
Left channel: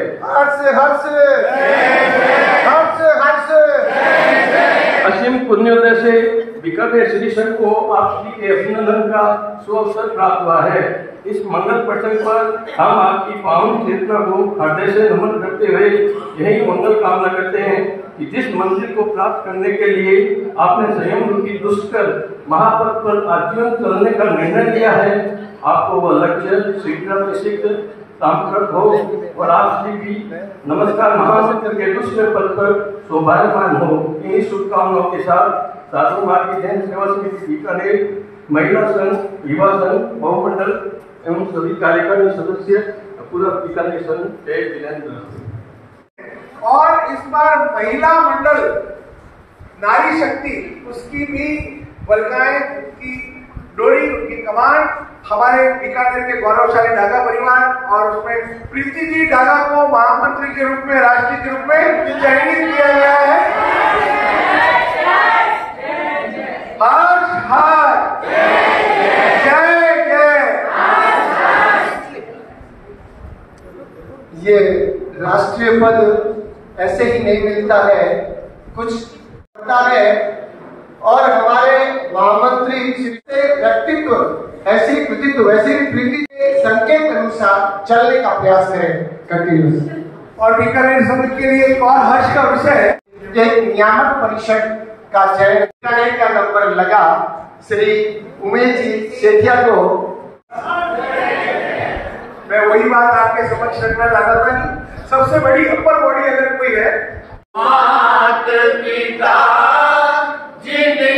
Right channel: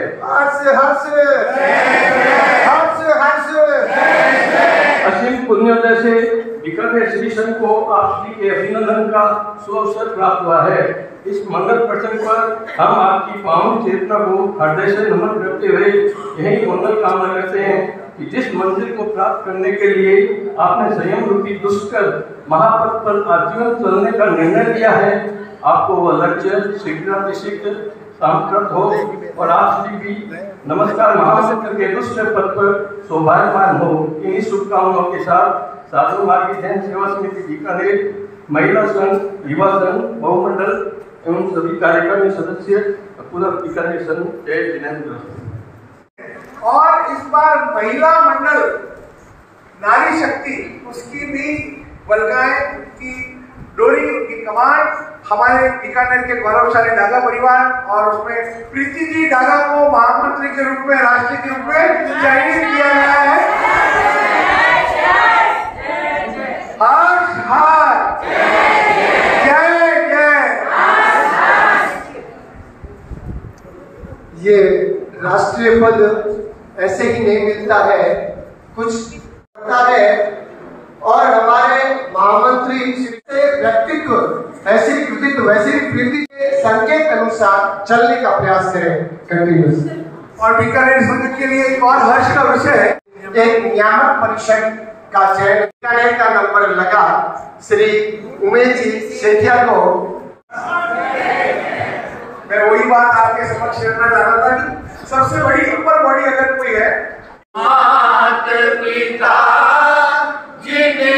असीम पुण्योदय से बीकानेर श्री संघ को आप श्री के अभिनंदन का सुअवसर प्राप्त हुआ है। इस मंगल प्रसंग पर हम आपकी पावन चेतना को हृदय से नमन करते हुए यही मंगल कामना करते हैं कि जिस मंजिल को प्राप्त करने के लिए आपने संयम रूपी दुष्कर महापथ पर आजीवन चलने का निर्णय लिया है, आपको वह लक्ष्य शीघ्र सामकृत हो और आप श्री भी नमस्कार महामंत्र के दूसरे पद पर सौभाग्यवान हो। इन्हीं शुभकामनाओं के साथ साधु मार्ग जैन सेवा समिति बीकानेर, महिला संघ, युवा संघ, बहुमंडल एवं सभी कार्यकारिणी सदस्य पूरा बीकानेर संघ जय जिनेंद्र। और इस बार महिला मंडल नारी शक्ति उसकी भी बलगाएं की डोरी की कमान हमारे बीकानेर के गौरवशाली डागा परिवार और उसमें प्रीति जी डागा को महामंत्री के रूप में राष्ट्रीय के रूप में चयनित किया गया है। हर मिलता है, कुछ पता है और हमारे महामंत्री से व्यक्तित्व ऐसी कृतित्व वैसी प्रीति के संकेत अनुसार चलने का प्रयास करें कंटिन्यूस। और बीकानेर संघ के लिए एक और हर्ष का विषय है, एक नियामक परिषद का चयन बीकानेर का नंबर लगा श्री उमेश जी सेठिया को। मैं वही बात आपके समक्ष रखना चाहता था कि सबसे बड़ी अपर बॉडी अगर कोई है, मात पिता जिनके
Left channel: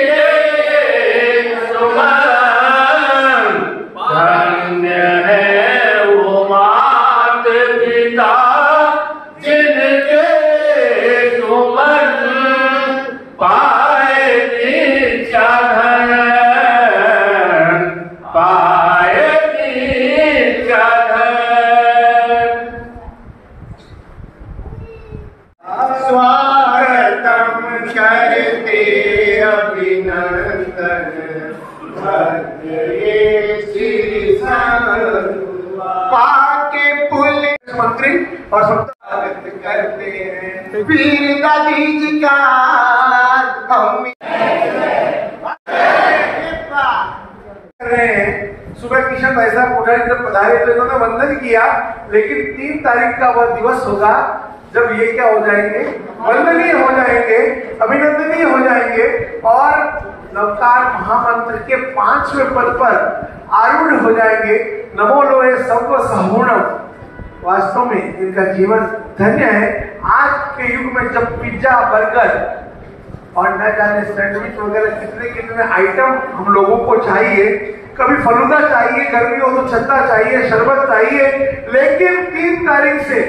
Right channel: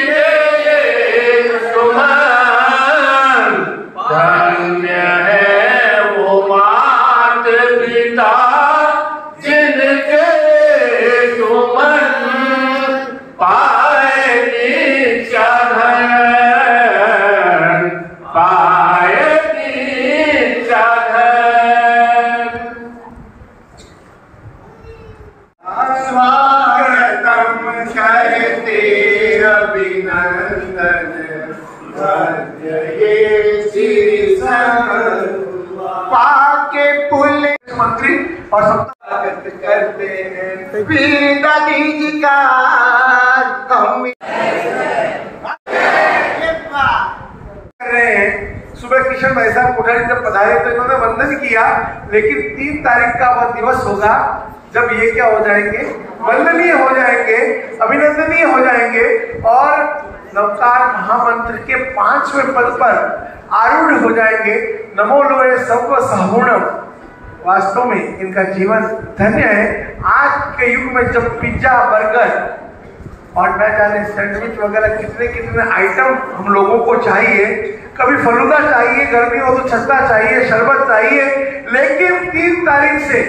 सुमन, धन्य है वो मात पिता जिनके सुमन, पाए नीचा धन, पाए नीचा धन। स्वागतम करते अभिनंदन, धन्य ये श्री संघ, पाके पुलिस मंत्री और सब स्वागत करते हैं वीर दादी जी का हम कर रहे हैं। सुबह किशन भाई साहब कोठारी जब पधारे तो इन्होंने वंदन किया, लेकिन 3 तारीख का वह दिवस होगा जब ये क्या हो जाएंगे, वंदनीय हो जाएंगे, अभिनंदनीय हो जाएंगे और नवकार महामंत्र के 5वें पद पर आरूढ़ हो जाएंगे। नमो लोए सर्व सहुणम। वास्तव में इनका जीवन धन्य है। आज के युग में जब पिज्जा, बर्गर और न जाने सैंडविच वगैरह कितने कितने आइटम हम लोगों को चाहिए, कभी फलूदा चाहिए, गर्मी हो तो छत्ता चाहिए, शरबत चाहिए, लेकिन 3 तारीख से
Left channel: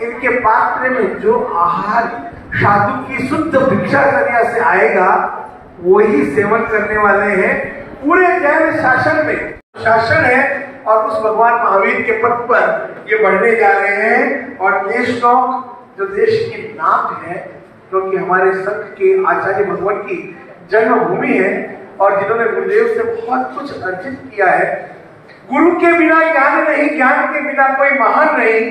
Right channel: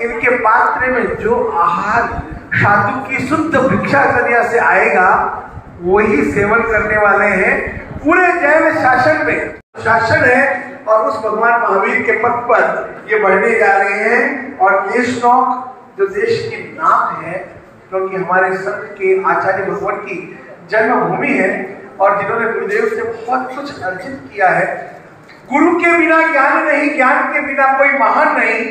इनके पात्र में जो आहार साधु की शुद्ध भिक्षाचर्या से आएगा वही सेवन करने वाले हैं। पूरे जैन शासन में शासन है और उस भगवान महावीर के पद पर ये बढ़ने जा रहे हैं। और देशनौक जो देश की नाक है, क्योंकि हमारे संत के आचार्य भगवान की जन्मभूमि है और जिन्होंने गुरुदेव से बहुत कुछ अर्जित किया है। गुरु के बिना ज्ञान नहीं, ज्ञान के बिना कोई महान नहीं।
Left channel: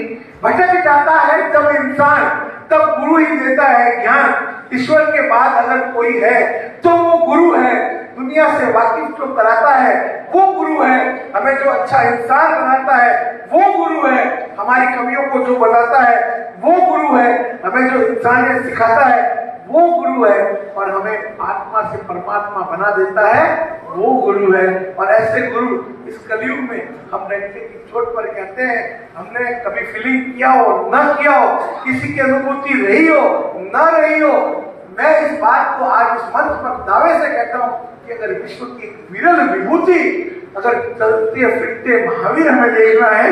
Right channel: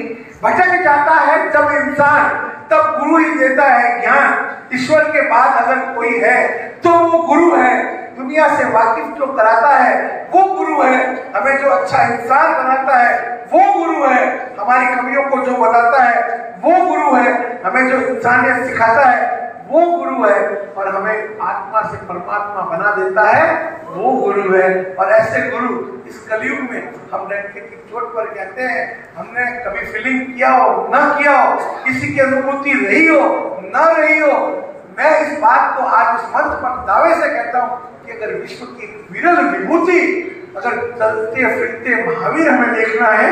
भटक जाता है जब इंसान, तब गुरु ही देता है ज्ञान। ईश्वर के बाद अगर कोई है तो वो गुरु है। दुनिया से वाकिफ जो कराता है वो गुरु है। हमें जो अच्छा इंसान बनाता है वो गुरु है। हमारी कमियों को जो बताता है वो गुरु है। हमें जो इंसानियत सिखाता है वो गुरु है। और हमें आत्मा से परमात्मा बना देता है वो गुरु है। और ऐसे गुरु इस कलयुग में हम डंके की चोट पर कहते हैं, हमने कभी फीलिंग किया हो न किया हो, किसी की अनुभूति रही हो न रही हो, मैं इस बात को आज इस मंच पर दावे से कहता हूं कि अगर विश्व की विरल विभूति, अगर चलते फिरते महावीर हमें देखना है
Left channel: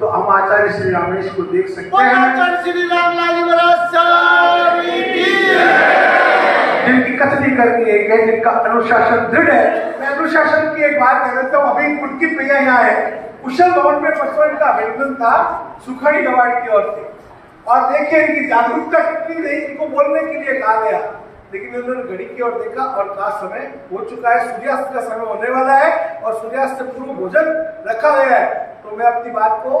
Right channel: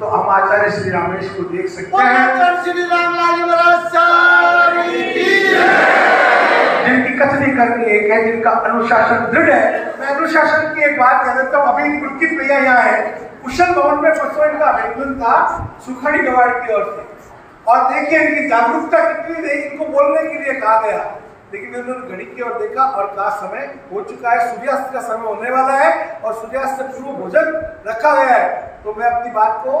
तो हम आचार्य श्री रामेश को देख सकते हैं, श्री रामलाल जिनकी कथनी करनी है, जिनका अनुशासन दृढ़ है। मैं अनुशासन की एक बात कह देता हूँ। अभी पुलकित भैया यहाँ है, कुशल भवन में परसों इनका अभिनंदन था सुखाड़ी गवाड़ की ओर से, और देखिए इनकी जागरूकता कितनी रही। इनको बोलने के लिए कहा गया, लेकिन इन्होंने घड़ी की ओर देखा और कहा समय हो चुका है, सूर्यास्त का समय होने वाला है और सूर्यास्त से पूर्व भोजन रखा गया है। तो मैं अपनी बात को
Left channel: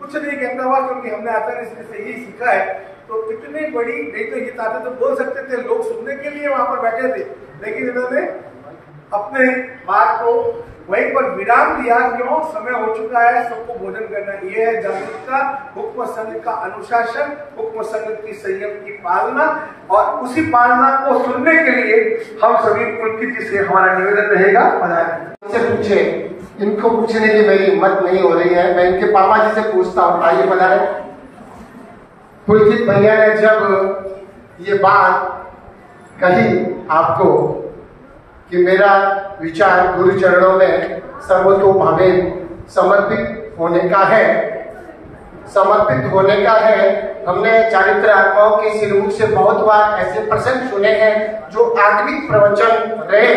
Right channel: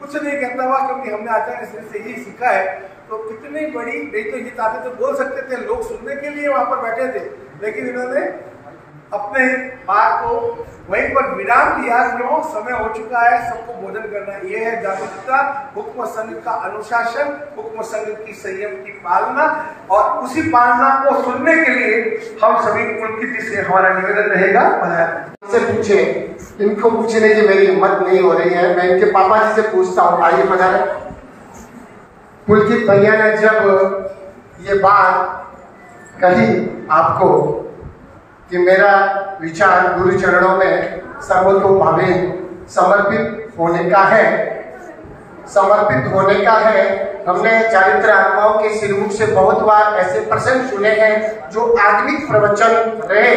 कुछ नहीं कहता हुआ, क्योंकि हमने आचार्य श्री से ही सीखा है। तो कितनी बड़ी, नहीं तो ये आते तो बोल सकते थे, लोग सुनने के लिए वहां पर बैठे थे, लेकिन इन्होंने अपने बात को वहीं पर विराम दिया। क्यों? समय हो चुका है, सबको भोजन करना है। ये है जागरूकता, हुक्म संघ का अनुशासन, हुक्म संघ की संयम की पालना। और उसी पालना को सुनने के लिए हम सभी पुलकित जी से हमारा निवेदन रहेगा, से पूछे। इनको पूछने की मेरी हिम्मत नहीं हो रही है, मैं इनके पापा जी से पूछता हूँ। आइए पधारे। पुलकित भैया ने जब ये बात कही आपको कि मेरा विचार गुरु चरणों में सर्वतोभावे समर्पित होने का है, हमने चारित्र आत्माओं के श्रीमुख से बहुत बार ऐसे प्रसंग सुने हैं जो आत्मिक प्रवचन रहे।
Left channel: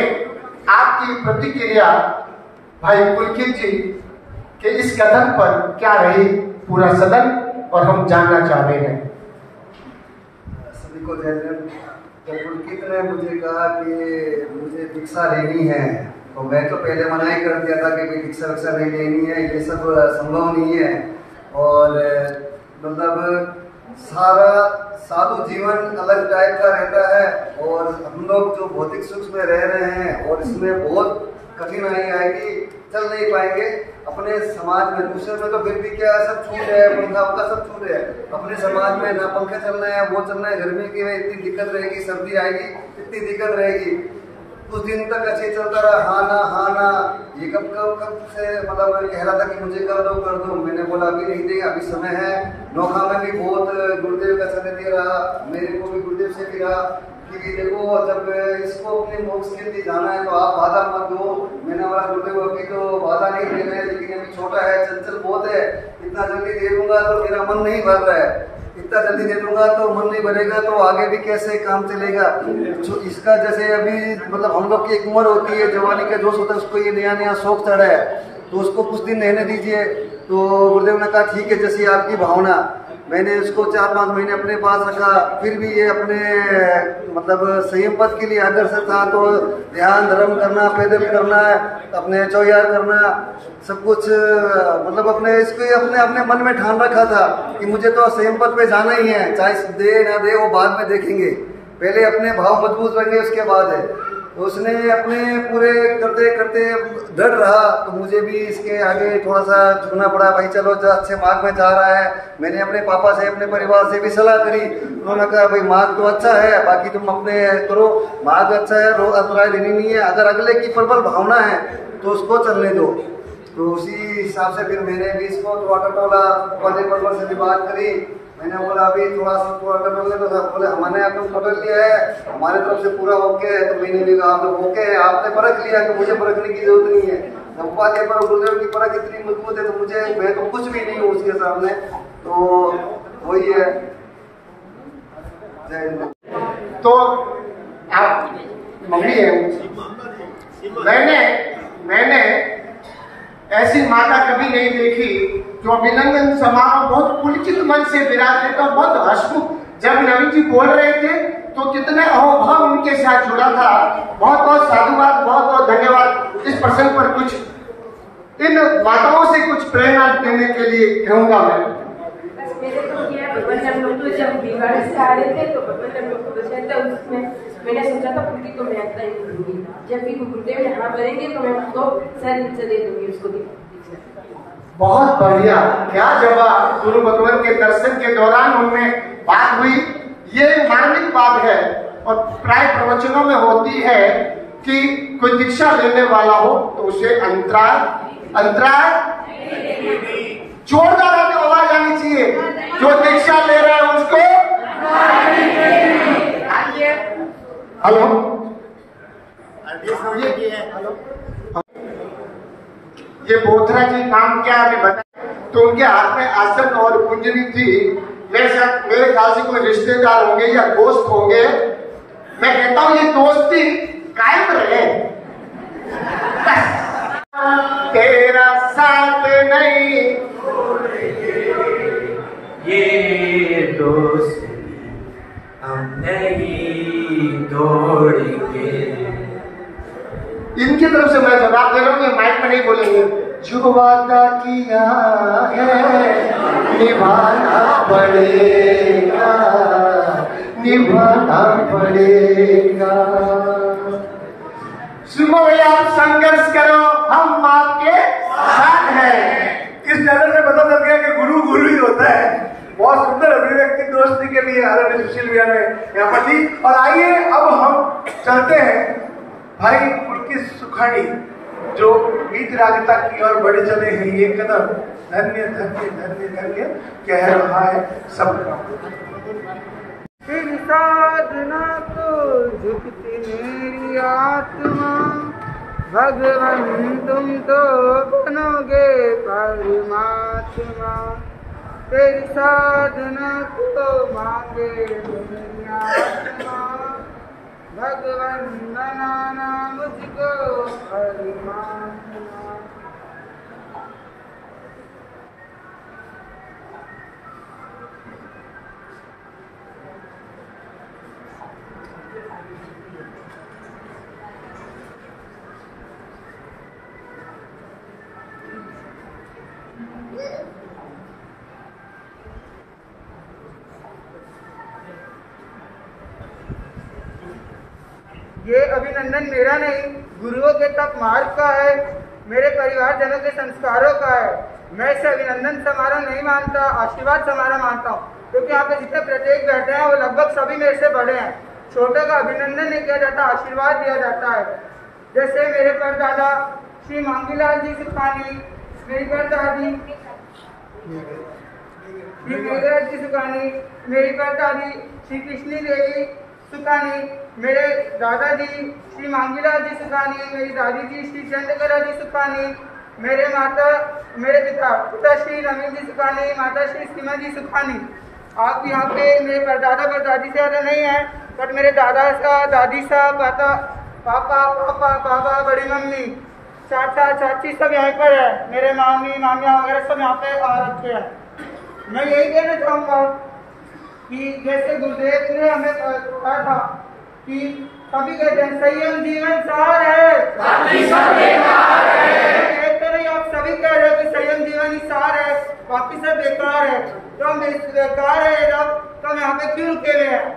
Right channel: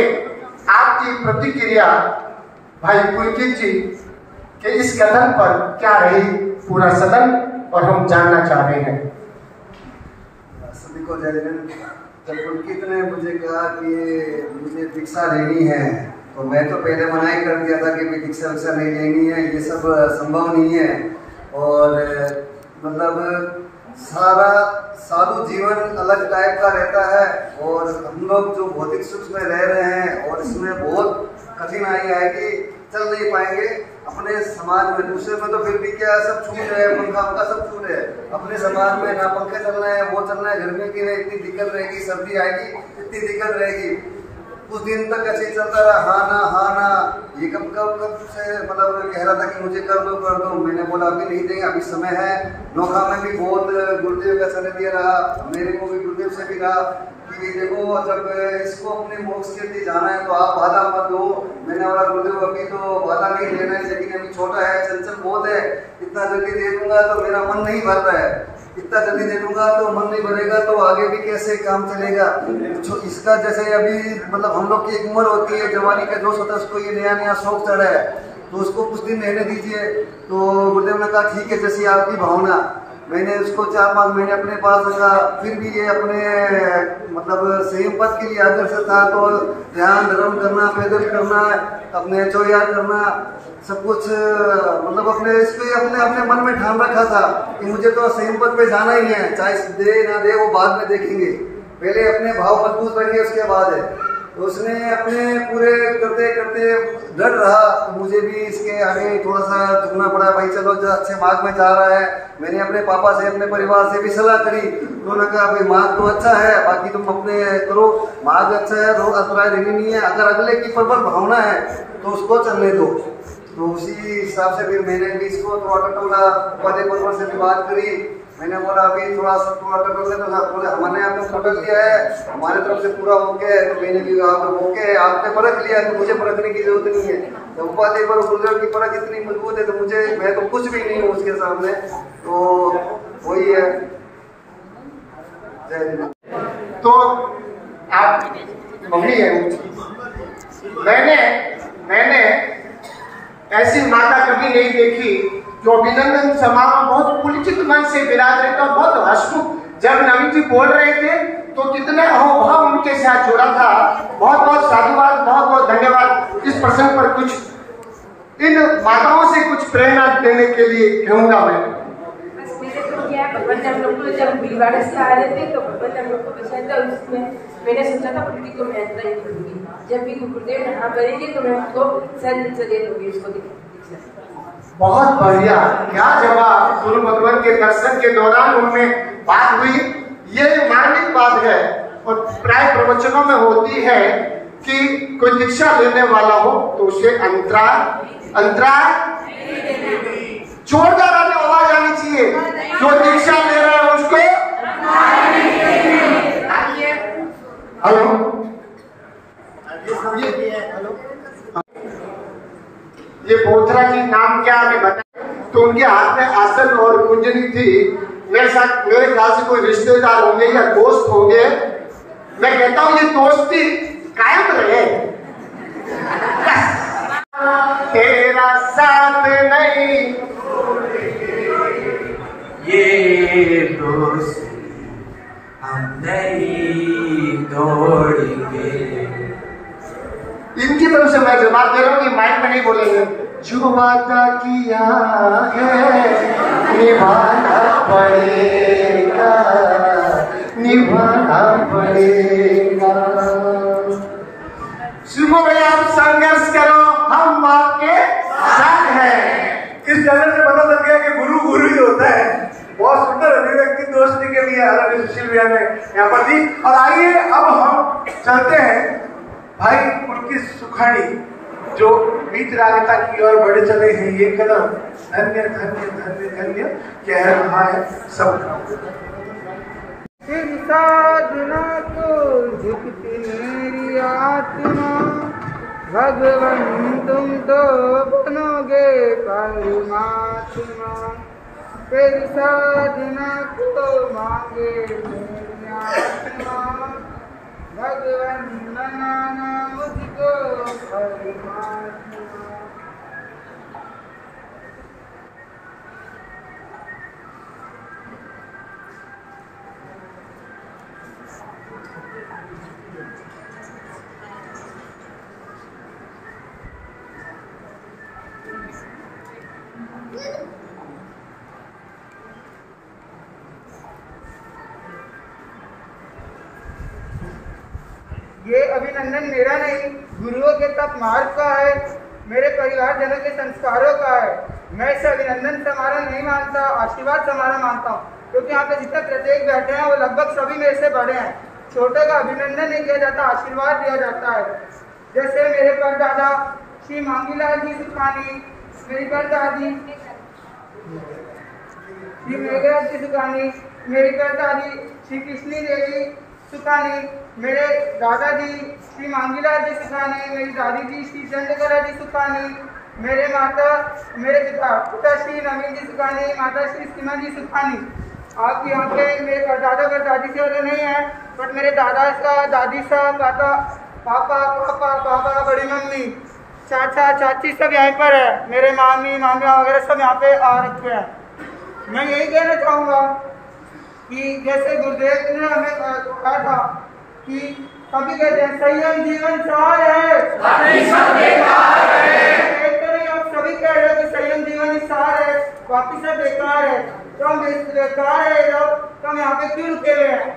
आपकी प्रतिक्रिया भाई पुलकित जी के इस कथन पर क्या रही, पूरा सदन और हम जानना चाह रहे हैं। सभी को जय जय। जब पुलकित ने मुझे कहा कि मुझे दीक्षा लेनी है, तो मैं तो पहले मना ही कर दिया था कि दीक्षा नहीं लेनी है, ये सब संभव नहीं है। और मतलब सारा साधु जीवन अलग टाइप का रहता है और हम लोग जो भौतिक सुख में रह रहे हैं और इसमें बहुत कठिनाई आएगी, चल नहीं पाएंगे अपने समाज में। दूसरे में तो फिर भी क्या सब छूट रहे हैं, पंखा आपका सब छूट रहे हैं। अपने समाज में ना पंखे चल रहे हैं, वो चल रहे हैं, गर्मी की में इतनी दिक्कत रहेगी, सर्दी आएगी इतनी दिक्कत रहेगी। कुछ दिन तक ऐसे ही चलता रहा, हाँ ना ये कब से मतलब कह रहा था कि मुझे कर दो। मैंने बोला अभी नहीं देंगे, अभी समय है। नौखा में भी बहुत गुरुदेव का समय दिया रहा, मेरे को भी गुरुदेव से भी रहा कि देखो जब इसको अपने मोक्ष के लिए जाना है तो आप बाधा मत दो। मैंने बोला गुरुदेव अभी तो बाधा नहीं देना है, लेकिन अभी छोटा है, चंचल बहुत है, इतना जल्दी दे दूंगा तो मेरा मन नहीं भर रहा है, इतना जल्दी दे दूंगा तो मन नहीं बनेगा तो आगे भी कैसे काम चलेगा। इसका जैसे अभी मतलब हम लोग की एक उम्र होती है, जवानी का जोश होता है, उसको ये नया शौक चढ़ा है तो उसको कुछ दिन रहने दीजिए। तो गुरुदेव ने कहा ठीक है जैसी आपकी भावना। मैंने उसको 4-5 महीने अपने पास रखा, फिर भी ये अपने मतलब संयम पद के लिए अग्रसर था। तो ध्यान धर्म करना, पैदल करना, अपने चौयार करना, सब कुछ मतलब अपने इसको अपने मन में ठान रखा था कि मुझे तो संयम पद पे जाना ही है, चाहे दे ना दे वो बाद में देखेंगे, पहले अपने भाव मजबूत बनेंगे उसके बाद है। उसने अपने पूरे करते करते डर रहा तो मुझे भी इसके आगे थोड़ा सा झुकना पड़ा। भाई चलो अच्छे मार्ग में जा रहा है। मैंने अपने पापा से अपने परिवार से भी सलाह करी, उन्होंने कहा भाई मार्ग तो अच्छा है, बाकी तुम अपने करो, मार्ग अच्छा है, रोज अंतराय देनी नहीं है, अगर अगले की प्रबल भावना है तो उसको चलने दो। तो उसी हिसाब से फिर मैंने भी इसको थोड़ा टटोला, पदे परवर से भी बात करी। मैंने बोला अभी थोड़ा टटोल ले, तो बोले हमने आपको टटोल लिया है, हमारे तरफ से पूरा ओके है। तो मैंने भी कहा ओके है, आपने परख लिया तो मुझे परखने की जरूरत नहीं है। तो उपाधि पर गुरुदेव की परख इतनी मजबूत है तो मैं तो कुछ भी नहीं हूँ उसके सामने। तो वही है। तो आप मम्मी है, मैंने ऐसी माता कभी नहीं देखी जो अभिनंदन समारोह बहुत पुलकित मन से विराज रहे, तो बहुत हर्षमुख। जब नवीन जी बोल रहे थे तो कितने अहोभाव उनके साथ जुड़ा था। बहुत बहुत साधुवाद, बहुत बहुत धन्यवाद। इस प्रसंग पर कुछ इन माताओं से कुछ प्रेरणा देने के लिए कहूंगा मैं। बस मेरे को क्या हम लोग तो जब बीमार से आ रहे थे तो हम लोग को बचाया था, उसमें मैंने सोचा था पुलकित को मैं यात्रा ही करूंगी। जब भी गुरुदेव यहाँ करेंगे तो मैं उसको सर दे दूंगी उसको। बहुत बढ़िया, क्या जवाब गुरु भगवान के दर्शन के दौरान उनमें बात हुई। ये मार्मिक बात है और प्राय प्रवचनों में होती है कि कोई दीक्षा लेने वाला हो तो उसे अंतराल जोरदार आवाज आनी चाहिए। जो दीक्षा ले रहा है उसको हेलो ये बोथरा जी नाम क्या है बताया। तो उनके हाथ में आसन और कुंजनी थी। मेरे ख्याल से कोई रिश्तेदार होंगे या दोस्त होंगे। मैं कहता हूँ ये दोस्ती कायम रहे। तेरा साथ नहीं ये दोस्ती हम नहीं तोड़ेंगे। इनकी तरफ से मैं जवाब दे रहा हूँ, ये माइक में नहीं बोलेंगे। जो वादा किया है निभाना पड़ेगा, निभाना पड़ेगा। सुनो भैया, आप संघर्ष करो, हम आपके साथ हैं। इस नजर में पता चल गया कि गुरु गुरु ही होता है। बहुत सुंदर अभिव्यक्ति दोस्ती के लिए आदरणीय सुशील भैया ने यहाँ पर दी। और आइए अब हम चलते हैं भाई पुलकित सुखानी जो बीच रागता की ओर बढ़े चले हैं। ये कदम धन्य धन्य धन्य धन्य कह रहा है सबका। तेरी साधना को झुकती मेरी आत्मा, भगवान तुम तो बनोगे परमात्मा। तेरी साधना को मांगे मेरी आत्मा, भगवान बनाना मुझको परमात्मा। अभिनंदन मेरा नहीं, गुरुओं के तप मार्ग का है, मेरे परिवारजनों के संस्कारों का है। मैं इसे अभिनंदन समारोह नहीं मानता, आशीर्वाद समारोह मानता हूँ, क्योंकि यहाँ पे जितने प्रत्येक बैठे हैं वो लगभग सभी मेरे से बड़े हैं। छोटे का अभिनंदन नहीं किया जाता, आशीर्वाद दिया जाता है। जैसे मेरे परदादा श्री मांगीलाल जी सुखानी, मेरी परदादी श्री मेघराज जी सुखानी, मेरी परदादी श्री कृष्णी देवी सुखानी, मेरे दादाजी श्री मांगीलाल जी सुखानी, मेरी दादी जी श्री चंद्रकला जी सुखानी, मेरे पिता श्री नवीन जी सुखानी, माता श्री सीमा जी सुखानी। आप यहाँ पे मेरे परदादा परदादी से ज़्यादा नहीं है, बट मेरे दादा सा, दादी सा, पापा, बाबा, बड़ी मम्मी, चाचा चाची सब यहाँ पर है, मेरे मामी मामिया वगैरह सब यहाँ पे आ रखे हैं। मैं यही कहना चाहूँगा कि जैसे गुरुदेव ने हमें कहा था कि सभी कहते हैं संयम जीवन सार है, एक तो नहीं आप सभी कह रहे हो कि संयम जीवन ही सार है, बाकी सब बेकार है। तो हम बेकार है तो हम यहाँ पे क्यों रुके हुए हैं?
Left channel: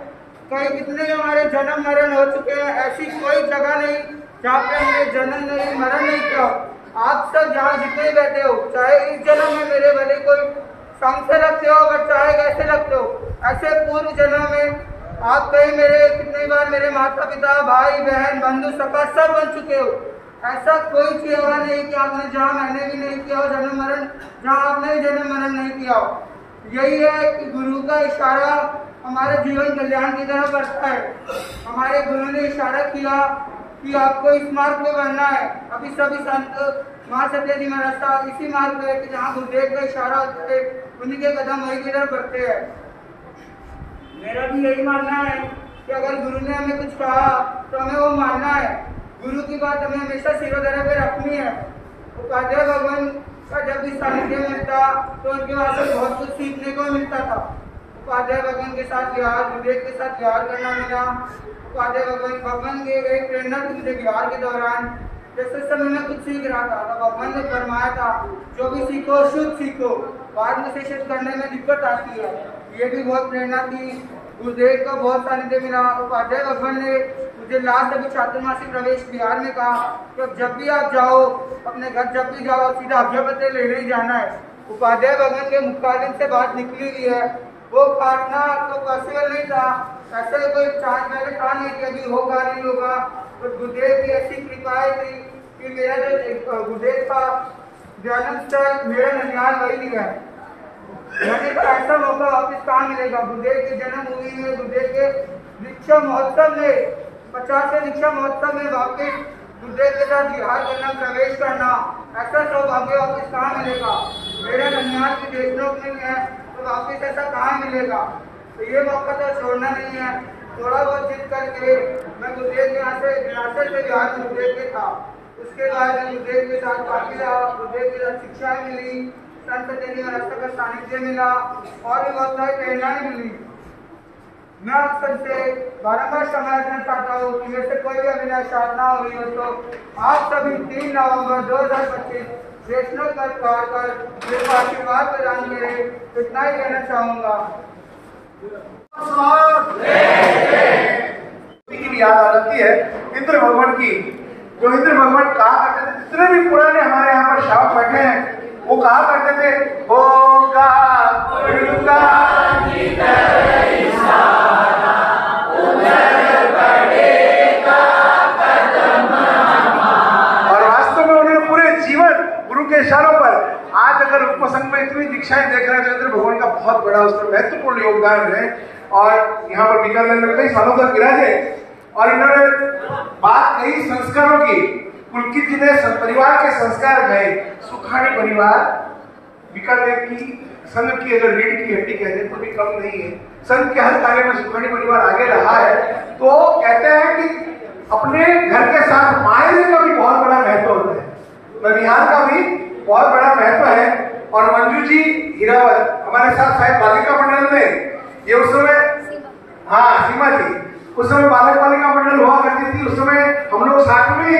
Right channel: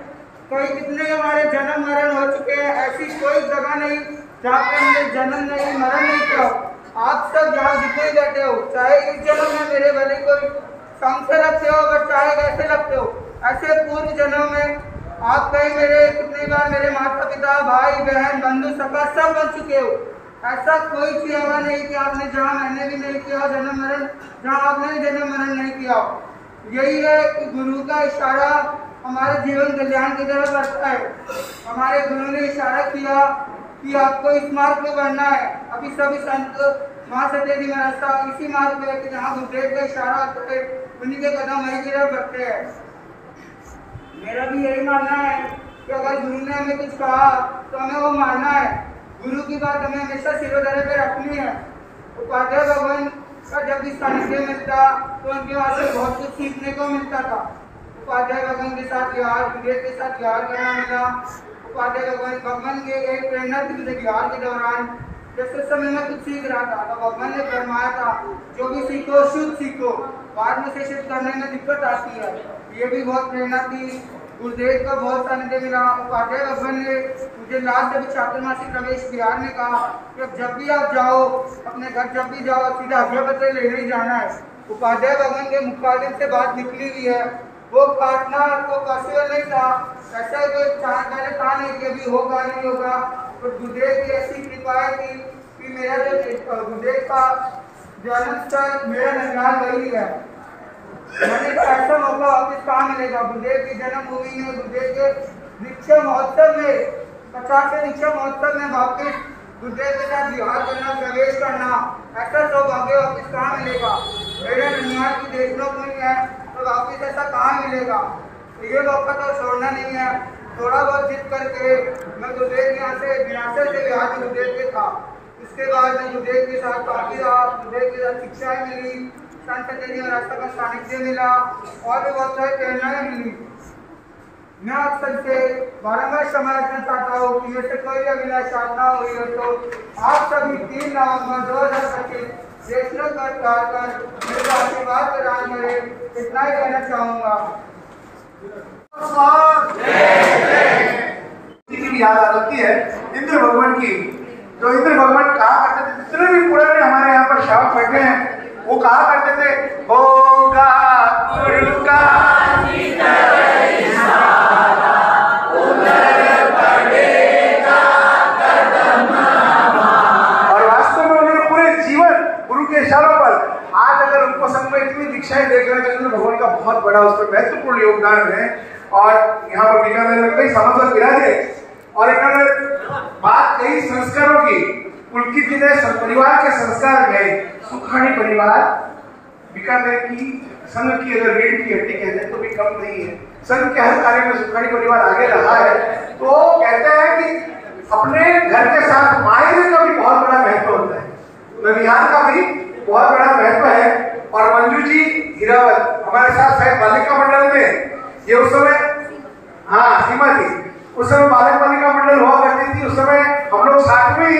कई कितने हमारे जन्म मरण हो चुके हैं, ऐसी कोई जगह नहीं जहाँ पे हमने जन्म नहीं मरण नहीं किया। आप सब जहाँ जितने बैठे हो, चाहे इस जन्म में मेरे भले कोई कम से लगते हो, अगर चाहे कैसे लगते हो, ऐसे पूर्व जन्म में आप कहीं मेरे कितनी बार मेरे माता पिता भाई बहन बंधु सखा सब बन चुके हो। ऐसा कोई चीज होगा नहीं कि आपने जहाँ मैंने भी नहीं किया हो जन्म मरण, जहाँ आपने भी जन्म मरण नहीं किया हो। यही है कि गुरु का इशारा हमारे जीवन कल्याण की तरफ बढ़ता है। हमारे गुरु ने इशारा किया कि आपको इस मार्ग पे बढ़ना है। अभी सभी संत माँ सत्य जी महाराज इसी मार्ग पे है कि जहाँ गुरुदेव का इशारा होता है उन्हीं के कदम वही की तरफ बढ़ते हैं। मेरा भी यही मानना है कि अगर गुरु ने हमें कुछ कहा तो हमें वो मानना है। गुरु की बात हमें हमेशा सिरोधरे पे रखनी है। उपाध्याय भगवान का जब भी सानिध्य मिलता तो उनके वहाँ से बहुत कुछ सीखने को मिलता था। उपाध्याय भगवान के साथ विहार, गुरुदेव के साथ विहार करना मिला। उपाध्याय भगवान के एक प्रेरणा थी मुझे विहार के दौरान, जैसे समय में कुछ सीख रहा था तो भगवान ने फरमाया था जो भी सीखो शुद्ध सीखो, बाद में से शुद्ध करने में दिक्कत आती है। ये भी बहुत प्रेरणा थी। गुरुदेव का बहुत सानिध्य मिला। उपाध्याय भगवान ने मुझे लास्ट अभी चातुर्मासिक प्रवेश बिहार में कहा कि जब भी आप जाओ अपने घर, जब भी जाओ सीधा आज्ञा पत्र लेने ही जाना है। उपाध्याय भगवान के मुखारबिंद से बात निकली हुई है, वो काटना तो पॉसिबल नहीं था, ऐसा कोई पहले था नहीं कि अभी होगा नहीं होगा। तो गुरुदेव की ऐसी कृपा थी कि मेरा जो गुरुदेव का जन्म स्थल मेरा ननिहाल वही है। मैंने तो ऐसा मौका वापिस कहाँ मिलेगा? गुरुदेव की जन्मभूमि में, गुरुदेव के दीक्षा महोत्सव में, 50वें दीक्षा महोत्सव में वापिस गुरुदेव के साथ विहार करना, प्रवेश करना, ऐसा सौभाग्य वापिस कहाँ मिलेगा? मेरा ननिहाल की देखनोक नहीं है तो वापिस ऐसा कहाँ मिलेगा? तो ये मौका तो छोड़ना नहीं है। थोड़ा बहुत जिद करके मैं गुरुदेव के यहाँ से विरासत से विहार में गुरुदेव के था। उसके बाद मैं गुरुदेव के साथ काफी रहा, गुरुदेव के साथ शिक्षाएं मिली, संत सत्य जी महाराज का सानिध्य मिला और भी बहुत सारी प्रेरणाएं मिली। मैं आप सबसे बारंबार समझना चाहता हूँ कि मेरे से कोई भी अभिनय साधना हुई हो तो आप सभी 3 नवंबर 2025 वैष्णव कर मेरे को आशीर्वाद प्रदान करें, इतना ही कहना चाहूँगा। की याद आ जाती है इंद्र भगवान की, जो इंद्र भगवान कहा करते थे। जितने भी पुराने हमारे यहाँ पर श्रावक बैठे हैं वो कहा करते थे होगा और वास्तव में उन्होंने पूरे जीवन गुरु के इशारों पर, आज अगर उपसंग में इतनी दीक्षाएं देख रहे हैं तो इंद्र भगवान का बहुत बड़ा उस पर महत्वपूर्ण योगदान है। और यहाँ पर बीकानेर में कई सालों तक विराजे और इन्होंने बात कही संस्कारों की। पुलकित जी ने परिवार के संस्कार में सुखानी परिवार बीकानेर की संघ की अगर रीढ़ की हड्डी कहते तो भी कम नहीं है। संघ के हर कार्य में सुखानी परिवार आगे रहा है। तो कहते हैं कि अपने घर के साथ मायरे का भी बहुत बड़ा महत्व होता है, बिहार का भी बहुत बड़ा महत्व है। और मंजू जी हीरावत हमारे साथ शायद बालिका मंडल में, ये उस समय सीमा जी उस समय बालिका मंडल हुआ करती थी। उस समय हम लोग साथ में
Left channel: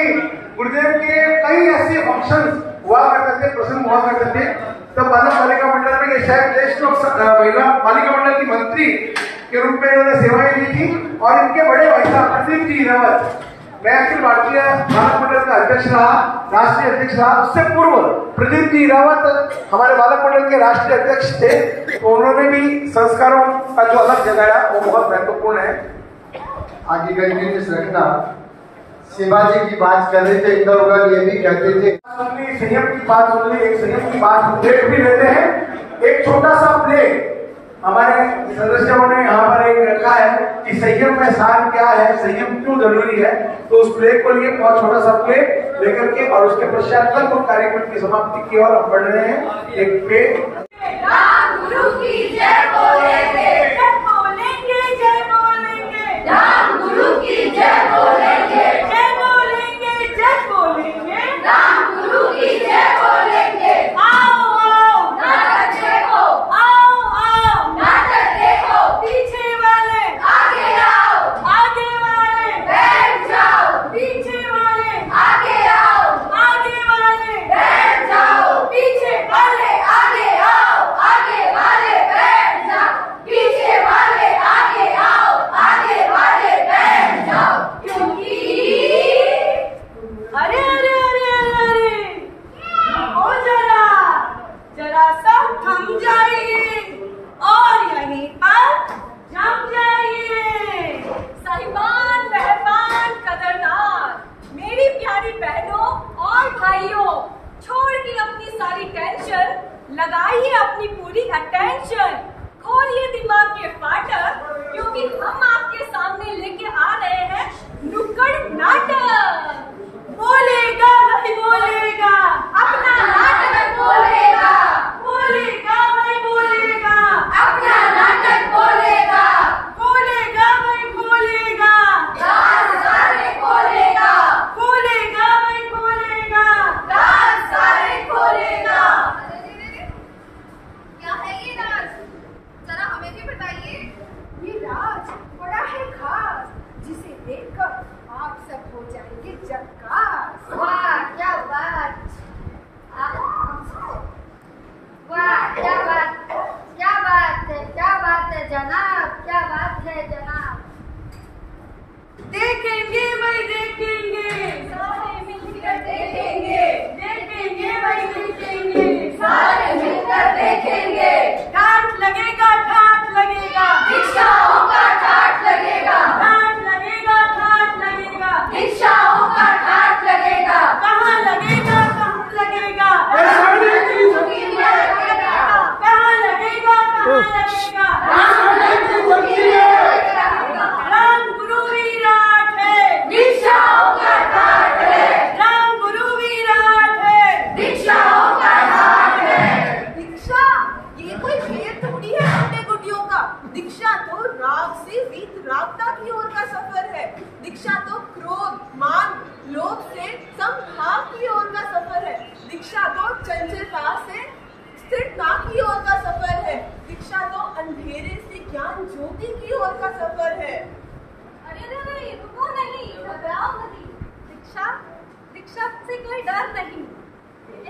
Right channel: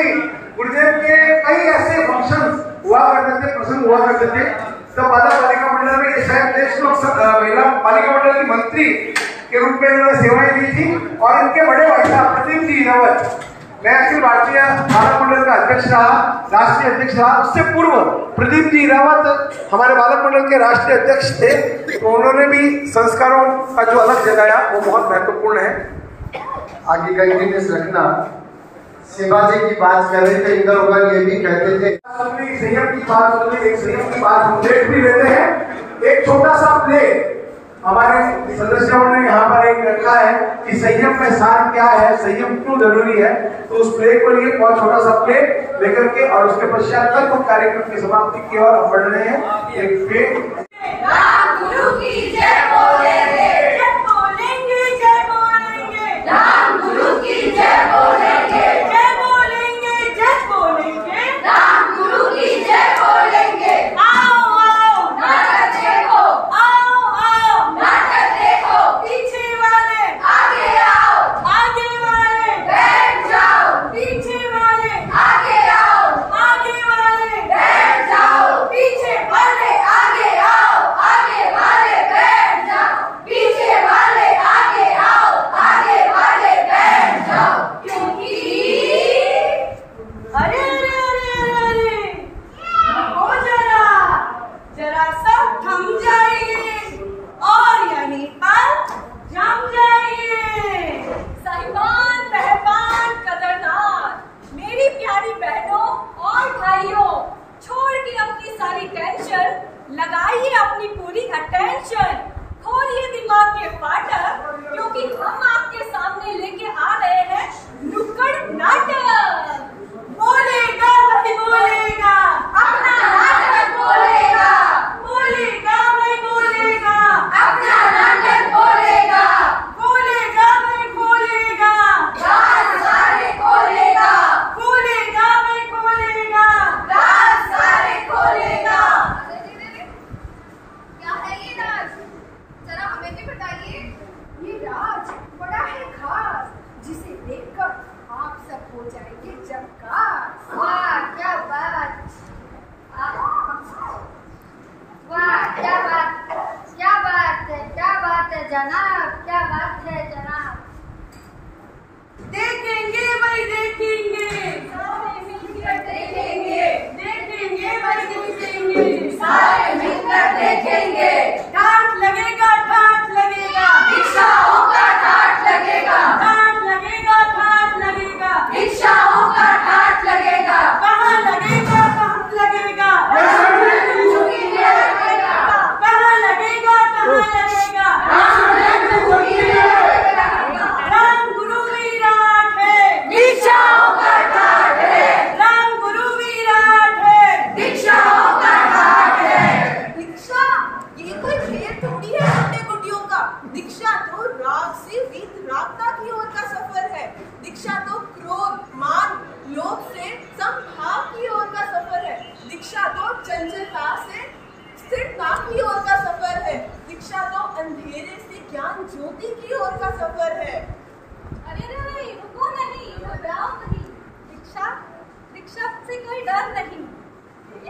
गुरुदेव के कई ऐसे फंक्शन हुआ करते थे, प्रसंग हुआ करते थे। तब बालिका मंडल में ये शायद देश लोक महिला बालिका मंडल की मंत्री के रूप में इन्होंने सेवाएं दी थी। और इनके बड़े भाई साहब प्रदीप जी हीरावत मैं अखिल भारतीय बालक मंडल का अध्यक्ष रहा, राष्ट्रीय अध्यक्ष रहा। उससे पूर्व प्रदीप जी रावत हमारे बालक मंडल के राष्ट्रीय अध्यक्ष थे, तो उन्होंने भी संस्कारों का जो अलग जगाया वो बहुत महत्वपूर्ण है। आगे का यूनिट रखना। शिवाजी की बात कर रहे थे, इधर उधर ये भी कहते थे संयम की बात सुन ली, एक संयम की बात प्लेट भी लेते हैं। एक छोटा सा प्लेट हमारे सदस्यों ने यहाँ पर एक रखा है कि संयम का सार क्या है, संयम क्यों जरूरी है, तो उस प्लेट को लिए बहुत छोटा सा प्लेट लेकर के और उसके पश्चात तक वो कार्यक्रम की समाप्ति की ओर बढ़ रहे हैं। एक प्लेट राम गुरु की जय बोलेंगे, जय बोलेंगे, जय बोलेंगे, राम गुरु की जय बोलेंगे, जय बोलेंगे, जय बोलेंगे, राम गुरु की जय बोलेंगे। आओ आओ नाटक देखो, आओ आओ नाटक देखो, पीछे वाले आगे आओ, आगे वाले बैठ जाओ, पीछे वाले आगे आओ, आगे वाले बैठ जाओ, पीछे वाले आगे आओ, आगे वाले बैठ जाओ, पीछे वाले आगे आओ, आगे वाले बैठ जाओ। क्योंकि अरे अरे अरे अरे अरे रुको जरा, जरा सब थम जाइए और यहीं पर जम जाइए। साहिबान, मेहरबान, कदरदान, मेरी प्यारी बहनों और भाइयों, छोड़ के अपनी सारी टेंशन, लगाइए अपनी पूरी अटेंशन, खोलिए दिमाग के फाटक, क्योंकि हम आपके सामने लेके आ रहे हैं नुक्कड़ नाटक। बोलेगा भाई बोलेगा, अपना नाटक बोलेगा, बोलेगा भाई बोलेगा, अपना नाटक बोलेगा, बोलेगा भाई बोलेगा, राज सारे खोलेगा, बोलेगा भाई बोलेगा, राज सारे खोलेगा। क्या है ये राज, जरा हमें भी बताइए। ये राज बड़ा है खास, जिसे देखकर आप सब हो जाएंगे झक्कास। वाह क्या बात, वाह क्या बात, क्या बात है, क्या बात है जनाब, क्या बात है जनाब। देखेंगे भाई देखेंगे, सारे मिलकर देखेंगे, देखेंगे भाई देखेंगे, सारे मिलकर देखेंगे। ठाठ लगेगा, ठाठ लगेगा, दीक्षाओं का ठाठ लगेगा, ठाठ लगेगा, ठाठ लगेगा, दीक्षाओं का ठाठ लगेगा। कहाँ लगेगा, कहाँ लगेगा, कहाँ लगेगा, कहाँ लगेगा, राम गुरु विराट है, दीक्षाओं का ठाठ है, राम गुरु विराट है, दीक्षाओं का ठाठ है। दीक्षा ये कोई खेल थोड़ी है गुड्डे गुड्डियों का, दीक्षा तो राग से वीतरागता की ओर का सफर है, दीक्षा तो क्रोध, मान, लोभ से समभाव की ओर का सफर है, दीक्षा तो चंचलता से स्थिरता की ओर का सफर है, दीक्षा तो अंधेरे से ज्ञान ज्योति की ओर का सफर है। अरे अरे रुको नहीं, घबराओ नहीं, दीक्षा, दीक्षा से कोई डर नहीं,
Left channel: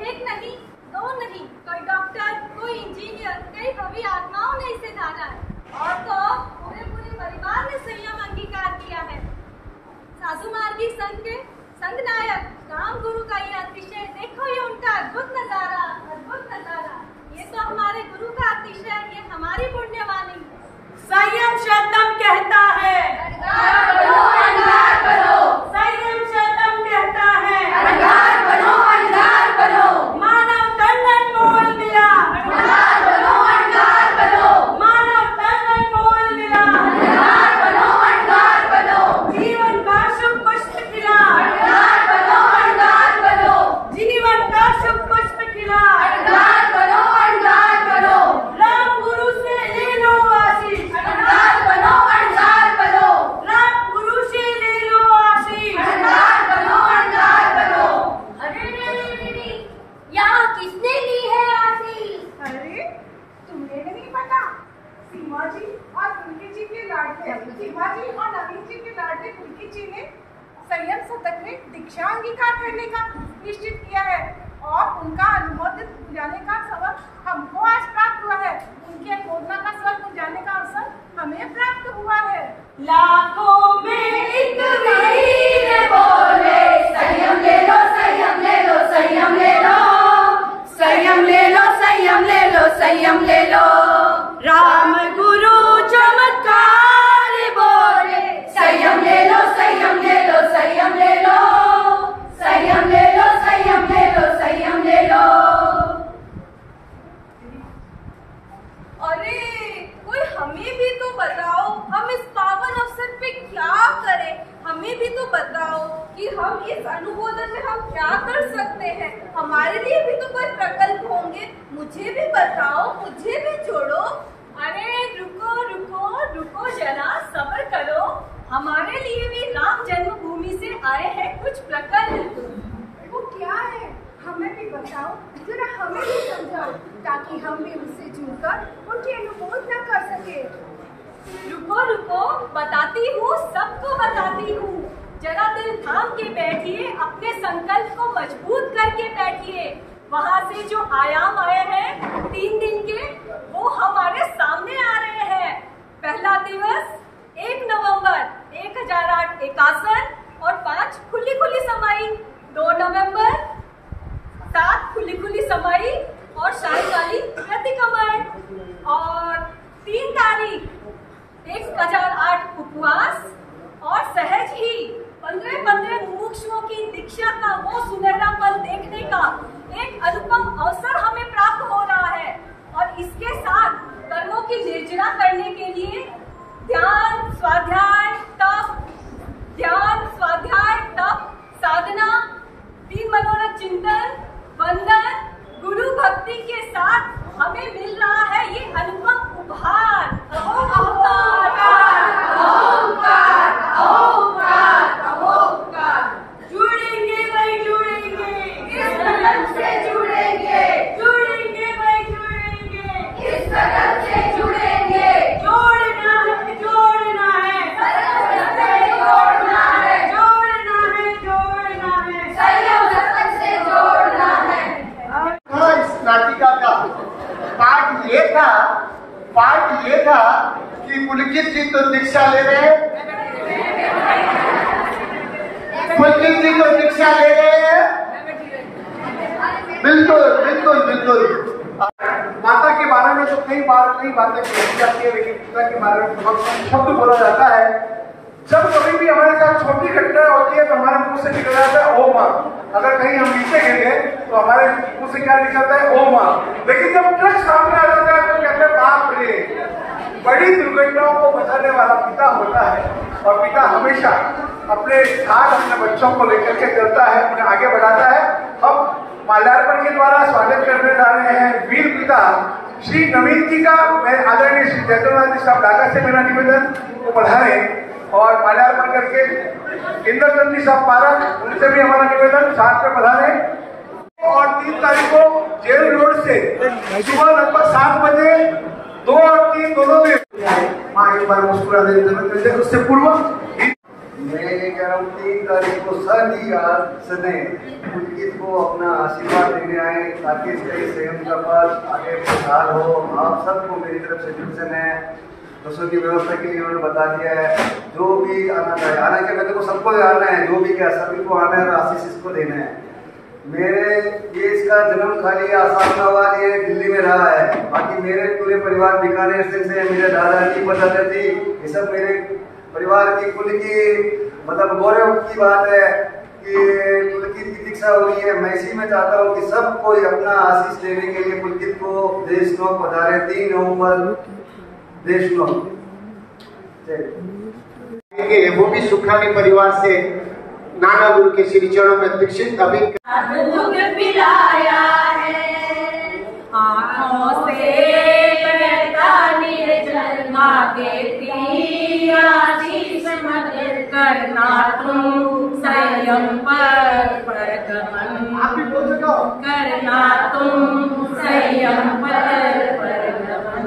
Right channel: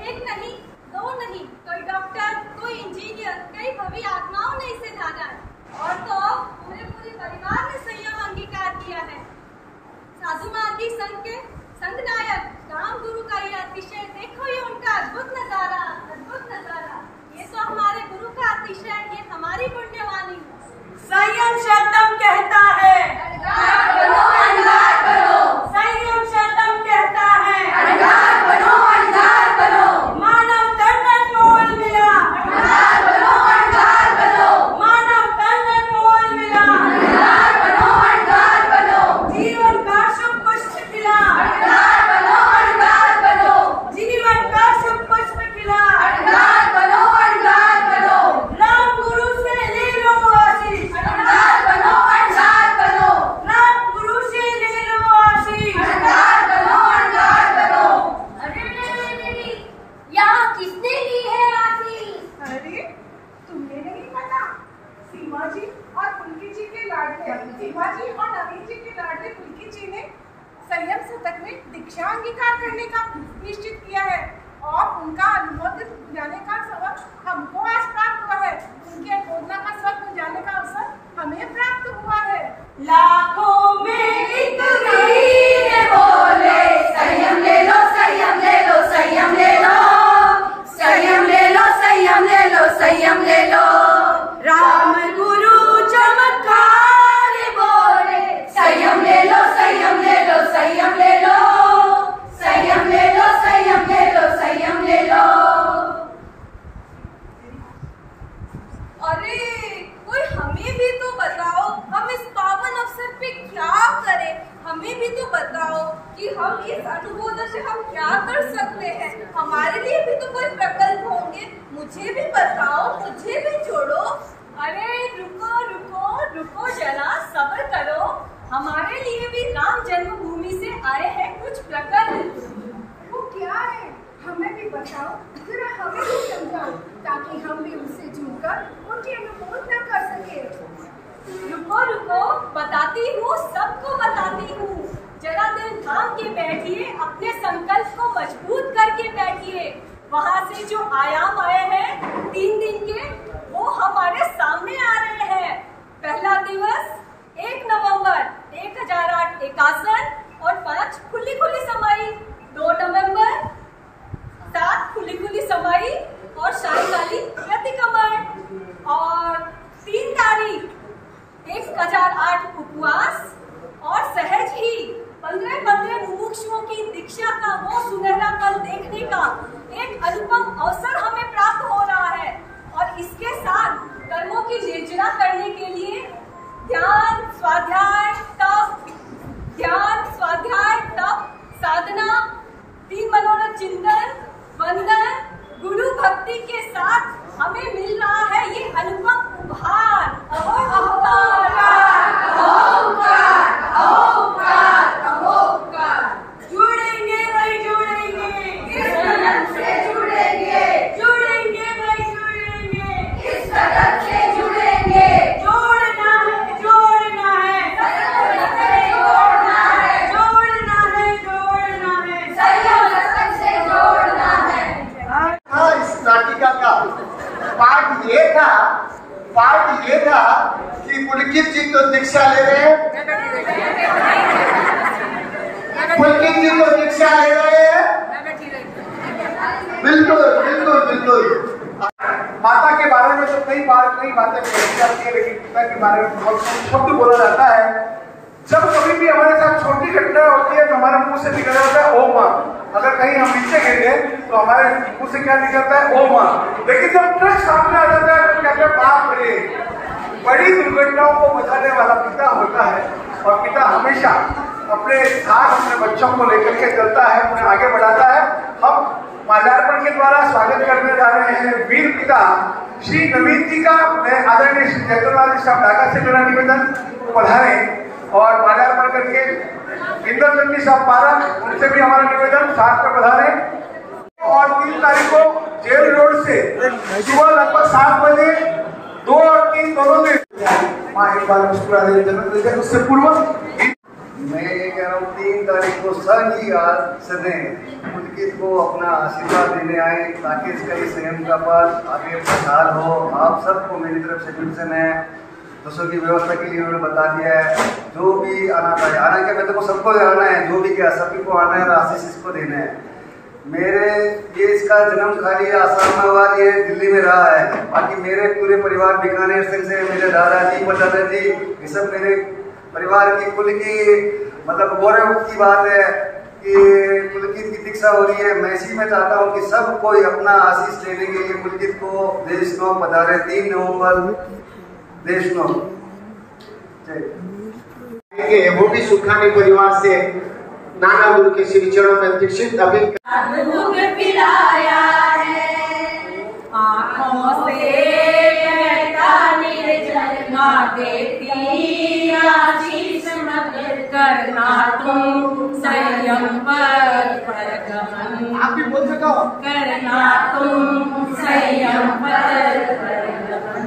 एक नहीं, दो नहीं, कोई डॉक्टर, कोई इंजीनियर, कई भवी आत्माओं ने इसे जाना है, और तो पूरे परिवार ने संयम अंगीकार किया है। साधु मार्गी संघ के संघ नायक राम गुरु का ये अतिशय, देखो ये उनका अद्भुत नजारा, अद्भुत नजारा, ये तो हमारे गुरु का अतिशय, ये हमारी पुण्यवाणी। संयम शब्दम कहता है अनगार बनो, अनगार बनो, संयम शब्दम कहता है अनगार बनो, अनगार बनो, मानव तन अनमोल मिला, अनगार बनो, अनगार बनो, मानव तन अनमोल मिला, अनगार बनो, अनगार बनो, जीवन का शुभ पुष्प खिला, अनगार बनो, अनगार बनो, जीवन का शुभ पुष्प खिला, अनगार बनो, अनगार बनो, राम गुरु से ले लो आशीष, अनगार बनो, अनगार बनो, राम गुरु से ले लो आशीष, अनगार बनो, अनगार बनो। अरे रे यहाँ किसने ली है आशीष? अरे तुम्हें नहीं पता, सीमा जी और पुलकी जी के लाडले, सीमा जी और नवीन जी के लाडले पुलकी जी ने संयम शतक में दीक्षा अंगीकार करने का निश्चित किया है, और उनका अनुमोदित गुंजाने का सबक हमको आज प्राप्त हुआ है, उनके बोधना का सबक गुंजाने का अवसर हमें प्राप्त हुआ है। लाखों में एक वीर बोले संयम ले लो संयम ले लो संयम ले लो संयम ले लो संयम ले लो संयम ले लो राम गुरु चमत्कार बोले संयम ले लो संयम ले लो संयम ले लो संयम ले लो संयम ले लो संयम ले लो। अरे कोई हमें भी तो बताओ, हम इस पावन अवसर पे क्या करें, हमें भी तो बताओ कि हम इस अनुमोदन से हम क्या कर सकते हैं, हमारे लिए भी तो कोई प्रकल्प होंगे, मुझे भी बताओ, मुझे भी जोड़ो। अरे रुको रुको रुको जरा सब्र करो, हमारे लिए भी राम जन्मभूमि से आए हैं कुछ प्रकल्प। वो क्या है हमें भी बताओ, जरा हमें भी समझाओ ताकि हम भी उससे जुड़कर उनकी अनुमोदना कर सके। रुको रुको बताती हूँ, सबको बताती हूँ, जरा दिल थाम के बैठिए, अपने संकल्प को मजबूत करके बैठिए। वहाँ से जो आयाम आए हैं 3 दिन के, वो हमारे सामने आ रहे हैं। पहला दिवस 1 नवंबर 1008 एकासन और 5 खुली खुली समाई, 2 नवंबर 7 खुली खुली समाई और सायंकालीन प्रतिक्रमण, और 3 तारीख 1008 उपवास और सहज ही 15 मुमुक्षुओं की दीक्षा का वो सुनहरा पल देखने का एक अनुपम अवसर हमें प्राप्त हो रहा है। और इसके साथ कर्मों की निर्जरा करने के लिए ध्यान स्वाध्याय तप साधना, 3 मनोरथ चिंतन, वंदन, गुरु भक्ति के साथ हमें मिल रहा है ये अनुपम उपहार। अहोकार अहोकार अहोकार अहोकार। जुड़ेंगे भाई जुड़ेंगे, इस कदम से जुड़ेंगे, जुड़ेंगे भाई जुड़ेंगे, इस कदम से जुड़ेंगे। जोड़ना है जोड़ना है, जोड़ना है जोड़ना है जोड़ना है, संयम लगन से जोड़ना है। इस नाटिका का पाठ ये था कि पुलकित जी तो दीक्षा ले रहे हैं, पुलकित जी तो दीक्षा ले रहे हैं, बिल्कुल बिल्कुल बिल्कुल। माता के बारे में तो कई बातें कही जाती है, लेकिन पिता के बारे में बहुत शब्द बोला जाता है। जब कभी भी हमारे साथ छोटी घटना होती है तो हमारे मुंह से निकल जाता है ओ माँ। अगर कहीं हम नीचे गिरे तो हमारे मुंह से क्या निकलता है ओ माँ, लेकिन जब ट्रस्ट सामने आ जाता है तो कहते हैं बाप रे। बड़ी दुर्घटनाओं को बचाने वाला पिता होता है, और पिता हमेशा अपने साथ अपने बच्चों को लेकर के चलता है, उन्हें आगे बढ़ाता है। हम माल्यार्पण के द्वारा स्वागत करने जा रहे हैं वीर पिता श्री नवीन जी का। मैं आदरणीय श्री जयतोनाथ जी साहब ढाका से मेरा निवेदन को पधारे और माल्यार्पण करके इंद्रचंद जी साहब पारक, उनसे भी हमारा निवेदन साथ में पधारे। और 3 तारीख को जेल रोड से सुबह लगभग 7 बजे 2 और 3 दोनों दिन माँ एक बार मुस्कुरा दे। उससे पूर्व मैं ये कह रहा हूँ 3 तारीख को सभी सने पुलकित को अपना आशीर्वाद देने आए, ताकि इसका ही संयम का पाठ आगे प्रसार हो। आप सबको मेरी तरफ से ट्यूशन है, दोस्तों की व्यवस्था के लिए उन्होंने बता दिया है। जो भी आना चाहिए, हालांकि मैं तो सबको आना है, जो भी क्या सभी को आना है और आशीष इसको देना है। मेरे ये इसका जन्म खाली आसाम में हुआ, ये दिल्ली में रहा है। बाकी मेरे पूरे परिवार बीकानेर से मेरे दादाजी परदादाजी ये सब मेरे परिवार की कुल की मतलब गौरव की बात है कि पुलकित की दीक्षा हो रही है। मैं इसी में चाहता हूँ कि सब कोई अपना आशीष देने के लिए पुलकित को देश को पधारे। 3 नवंबर देश नो वो भी सुखानी परिवार से नाना गुरु के श्री चरणों में दीक्षित अभी दूध पिलाया है, आँखों से बहता निर्जल ना देती आशीष मत करना तुम संयम पर गमन, आप भी बोल सको करना तुम संयम पर गमन।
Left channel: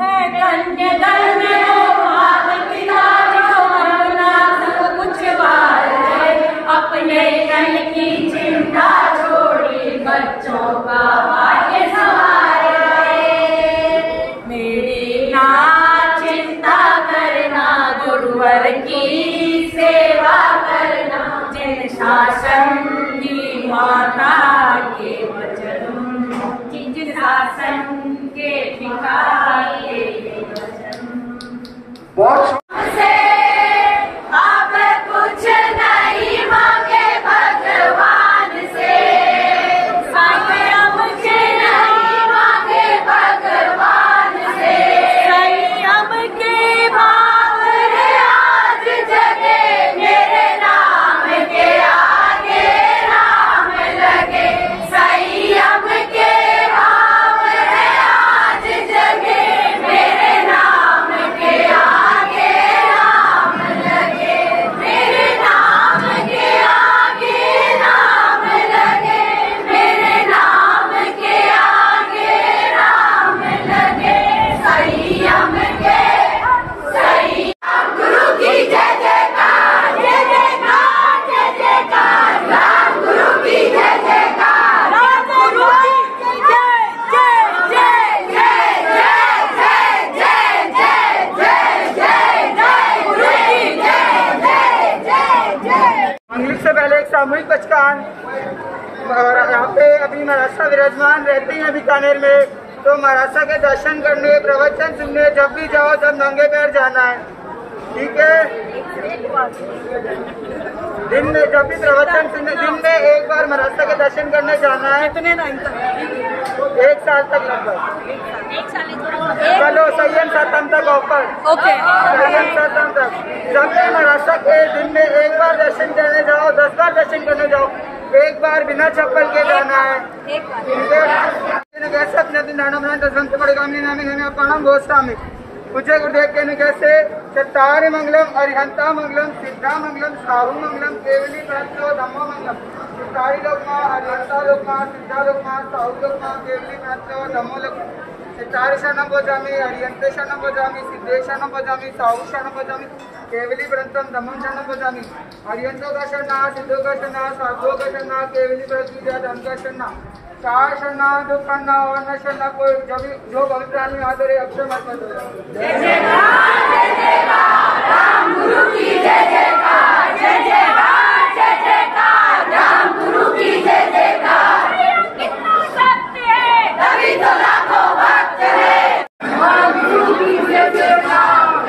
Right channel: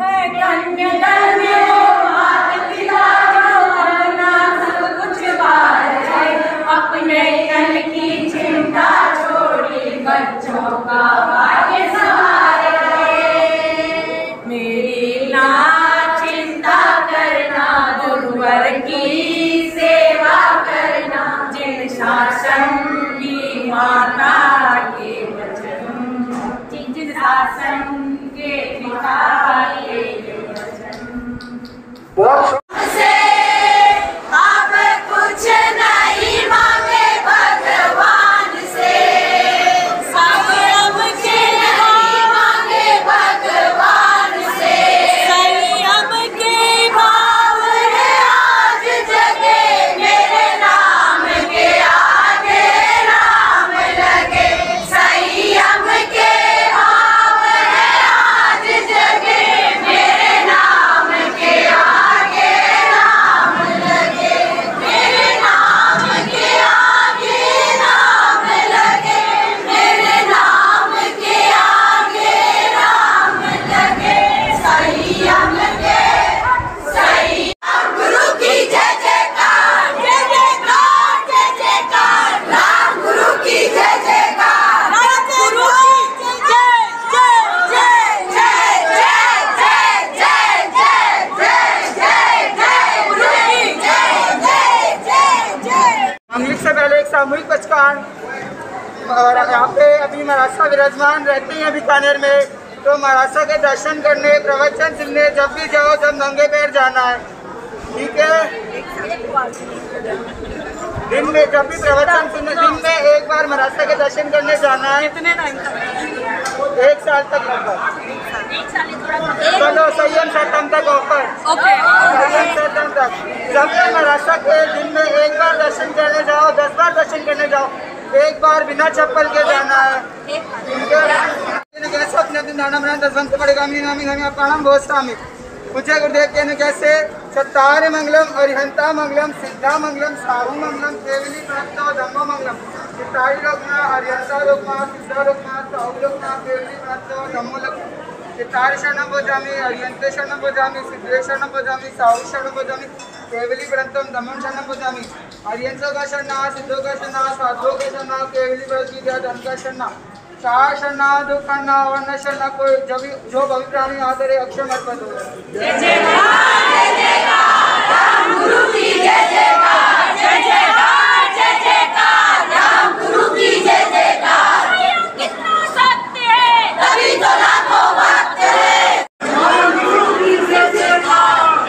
है कन्या में वो मात पिता जो अपना सब कुछ बार है, अपने कल की चिंता छोड़ी बच्चों का भाग्य संवार है। मेरी ना चिंता करना, गुरुवर की सेवा करना, माता के वचन, जिन शासन के पिता के वचन। बहुत अब कुछ नहीं मांगे भगवान से, अब कुछ नहीं मांगे भगवान से। संयम के भाव है आज जगे, मेरे नाम के आगे राम लगे। संयम के भाव है आज जगे, मेरे नाम के आगे राम लगे। मेरे नाम के आगे राम लगे, मेरे नाम के आगे राम लगे। संयम के संयम गुरु की जय जयकार, जय जयकार, जय जयकार। राम गुरु की जय जयकार, राम गुरु की जय जय जय जय जय जय जय जय जय जय जय गुरु की जय जय जय जय। मंगलिक से पहले एक सामूहिक बचकान यहाँ पे अभी महाराष्ट्र विराजमान रहते हैं बीकानेर में, तो महाराष्ट्र के दर्शन करने, प्रवचन सुनने जब भी जाओ, जब नंगे पैर जाना है, ठीक है। दिन में जब भी प्रवचन सुनने, दिन में एक बार महाराष्ट्र के दर्शन करने जाना है। कितने टाइम तक? 1 साल तक लगभग। चलो संयम सतम तक ऑफर, संयम सतम तक। जब भी महाराष्ट्र के दिन में एक बार दर्शन करने जाओ, 10 बार दर्शन करने जाओ, एक बार बिना चप्पल के जाना है, ठीक है। कैसे अपने दिन दाना बनाए दसवंत पड़ेगा प्रणाम गोस्वामी। पूज्य गुरुदेव के कैसे चत्तारि मंगलम, अरिहंता मंगलम, सिद्धा मंगलम, साहु मंगलम, केवली प्रत्यो धम्म मंगलम। चत्तारि लोकमा, अरिहंता लोकमा, सिद्धा लोकमा, साहु लोकमा, केवली प्रत्ययो धम्मो लोकमा। चत्तारि शरणं भजामि, अरिहन्ते शरणं भजामि, सिद्धे शरणं भजामि, साहु शरणं भजामि, केवली प्रत्यं धम्मं शरणं भजामि। अरिहंतो का शरणा, सिद्धो का शरणा, साधुओं का शरणा, केवली प्रत्यय धर्म का शरणा। चार शरणा, दुखना और न शरणा कोई, जब जो भवि प्राणी आदरे अक्षर अर्पण हो। जय जयकार, जय जयकार, राम गुरु की जय जयकार, जय जयकार, जय जयकार, राम गुरु की जय जयकार। कितना सत्य है, तभी तो लाखों भक्त है। राम गुरु की जय जयकार।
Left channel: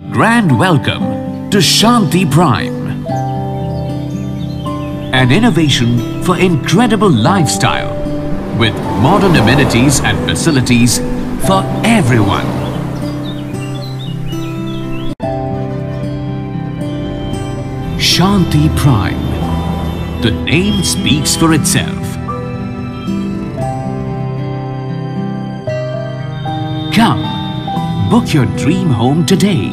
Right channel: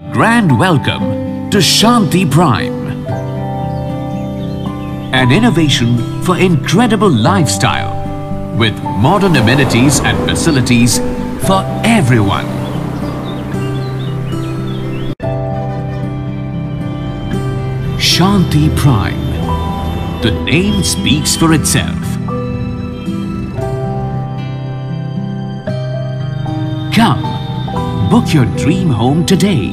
Grand welcome to Shanti Prime, an innovation for incredible lifestyle with modern amenities and facilities for everyone. Shanti Prime. The name speaks for itself. Come, book your dream home today.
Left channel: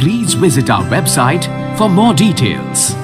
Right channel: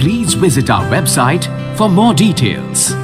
Please visit our website for more details.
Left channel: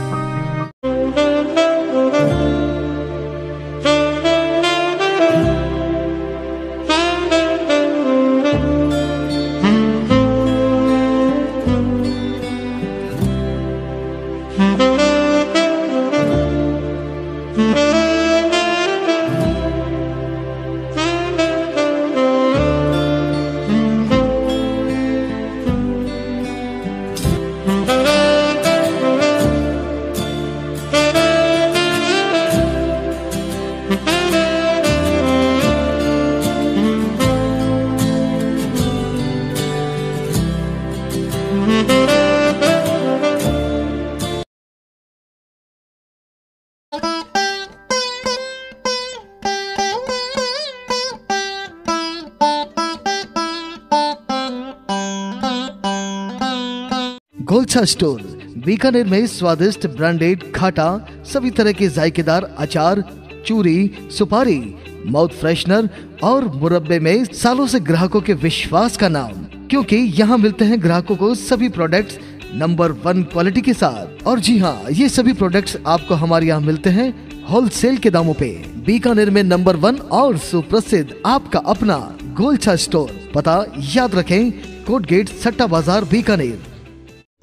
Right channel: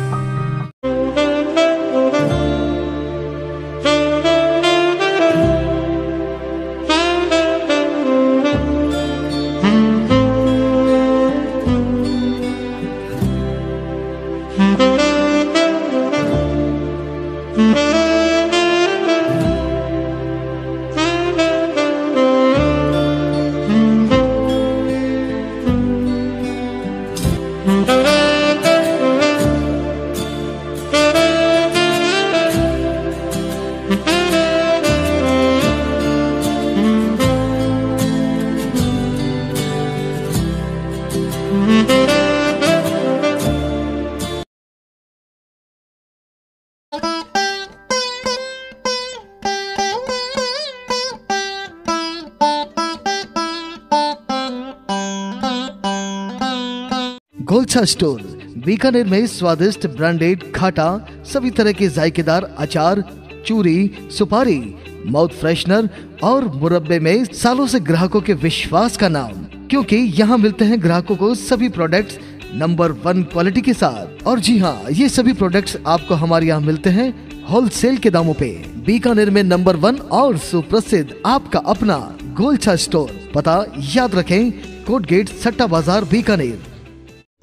Golchha store Bikaner में स्वादिष्ट branded खाटा सभी तरह के जायकेदार अचार, चूरी, सुपारी, mouth freshener और मुरब्बे में सालों से ग्राहकों के विश्वास का नाम, क्योंकि यहाँ मिलते हैं ग्राहकों को सभी प्रोडक्ट्स नंबर 1 क्वालिटी के साथ। और जी हाँ, ये सभी प्रोडक्ट्स आपको हमारे यहाँ मिलते हैं होलसेल के दामों पे। बीकानेर में नंबर 1 और सुप्रसिद्ध आपका अपना गोलछा स्टोर। पता याद रखें, कोट गेट, सट्टा बाजार, बीकानेर।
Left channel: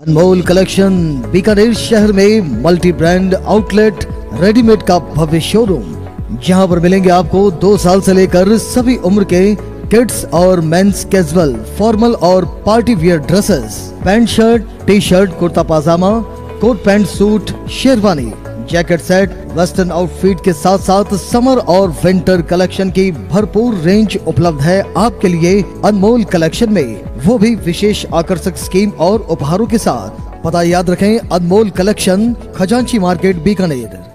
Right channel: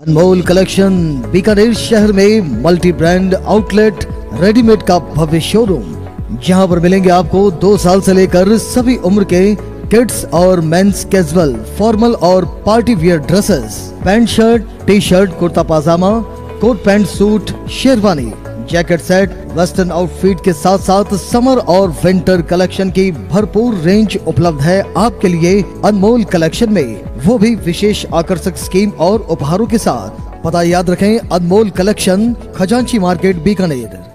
अनमोल कलेक्शन बीकानेर शहर में मल्टी ब्रांड आउटलेट रेडीमेड का भव्य शोरूम, जहां पर मिलेंगे आपको 2 साल से लेकर सभी उम्र के किड्स और मेंस कैजुअल, फॉर्मल और party wear dresses, pant shirt, T shirt, kurta pajama, coat pant suit, sherwani, jacket set, western outfit के साथ साथ समर और विंटर कलेक्शन की भरपूर रेंज उपलब्ध है आपके लिए अनमोल कलेक्शन में, वो भी विशेष आकर्षक स्कीम और उपहारों के साथ। पता याद रखें, अनमोल कलेक्शन, खजांची मार्केट, बीकानेर।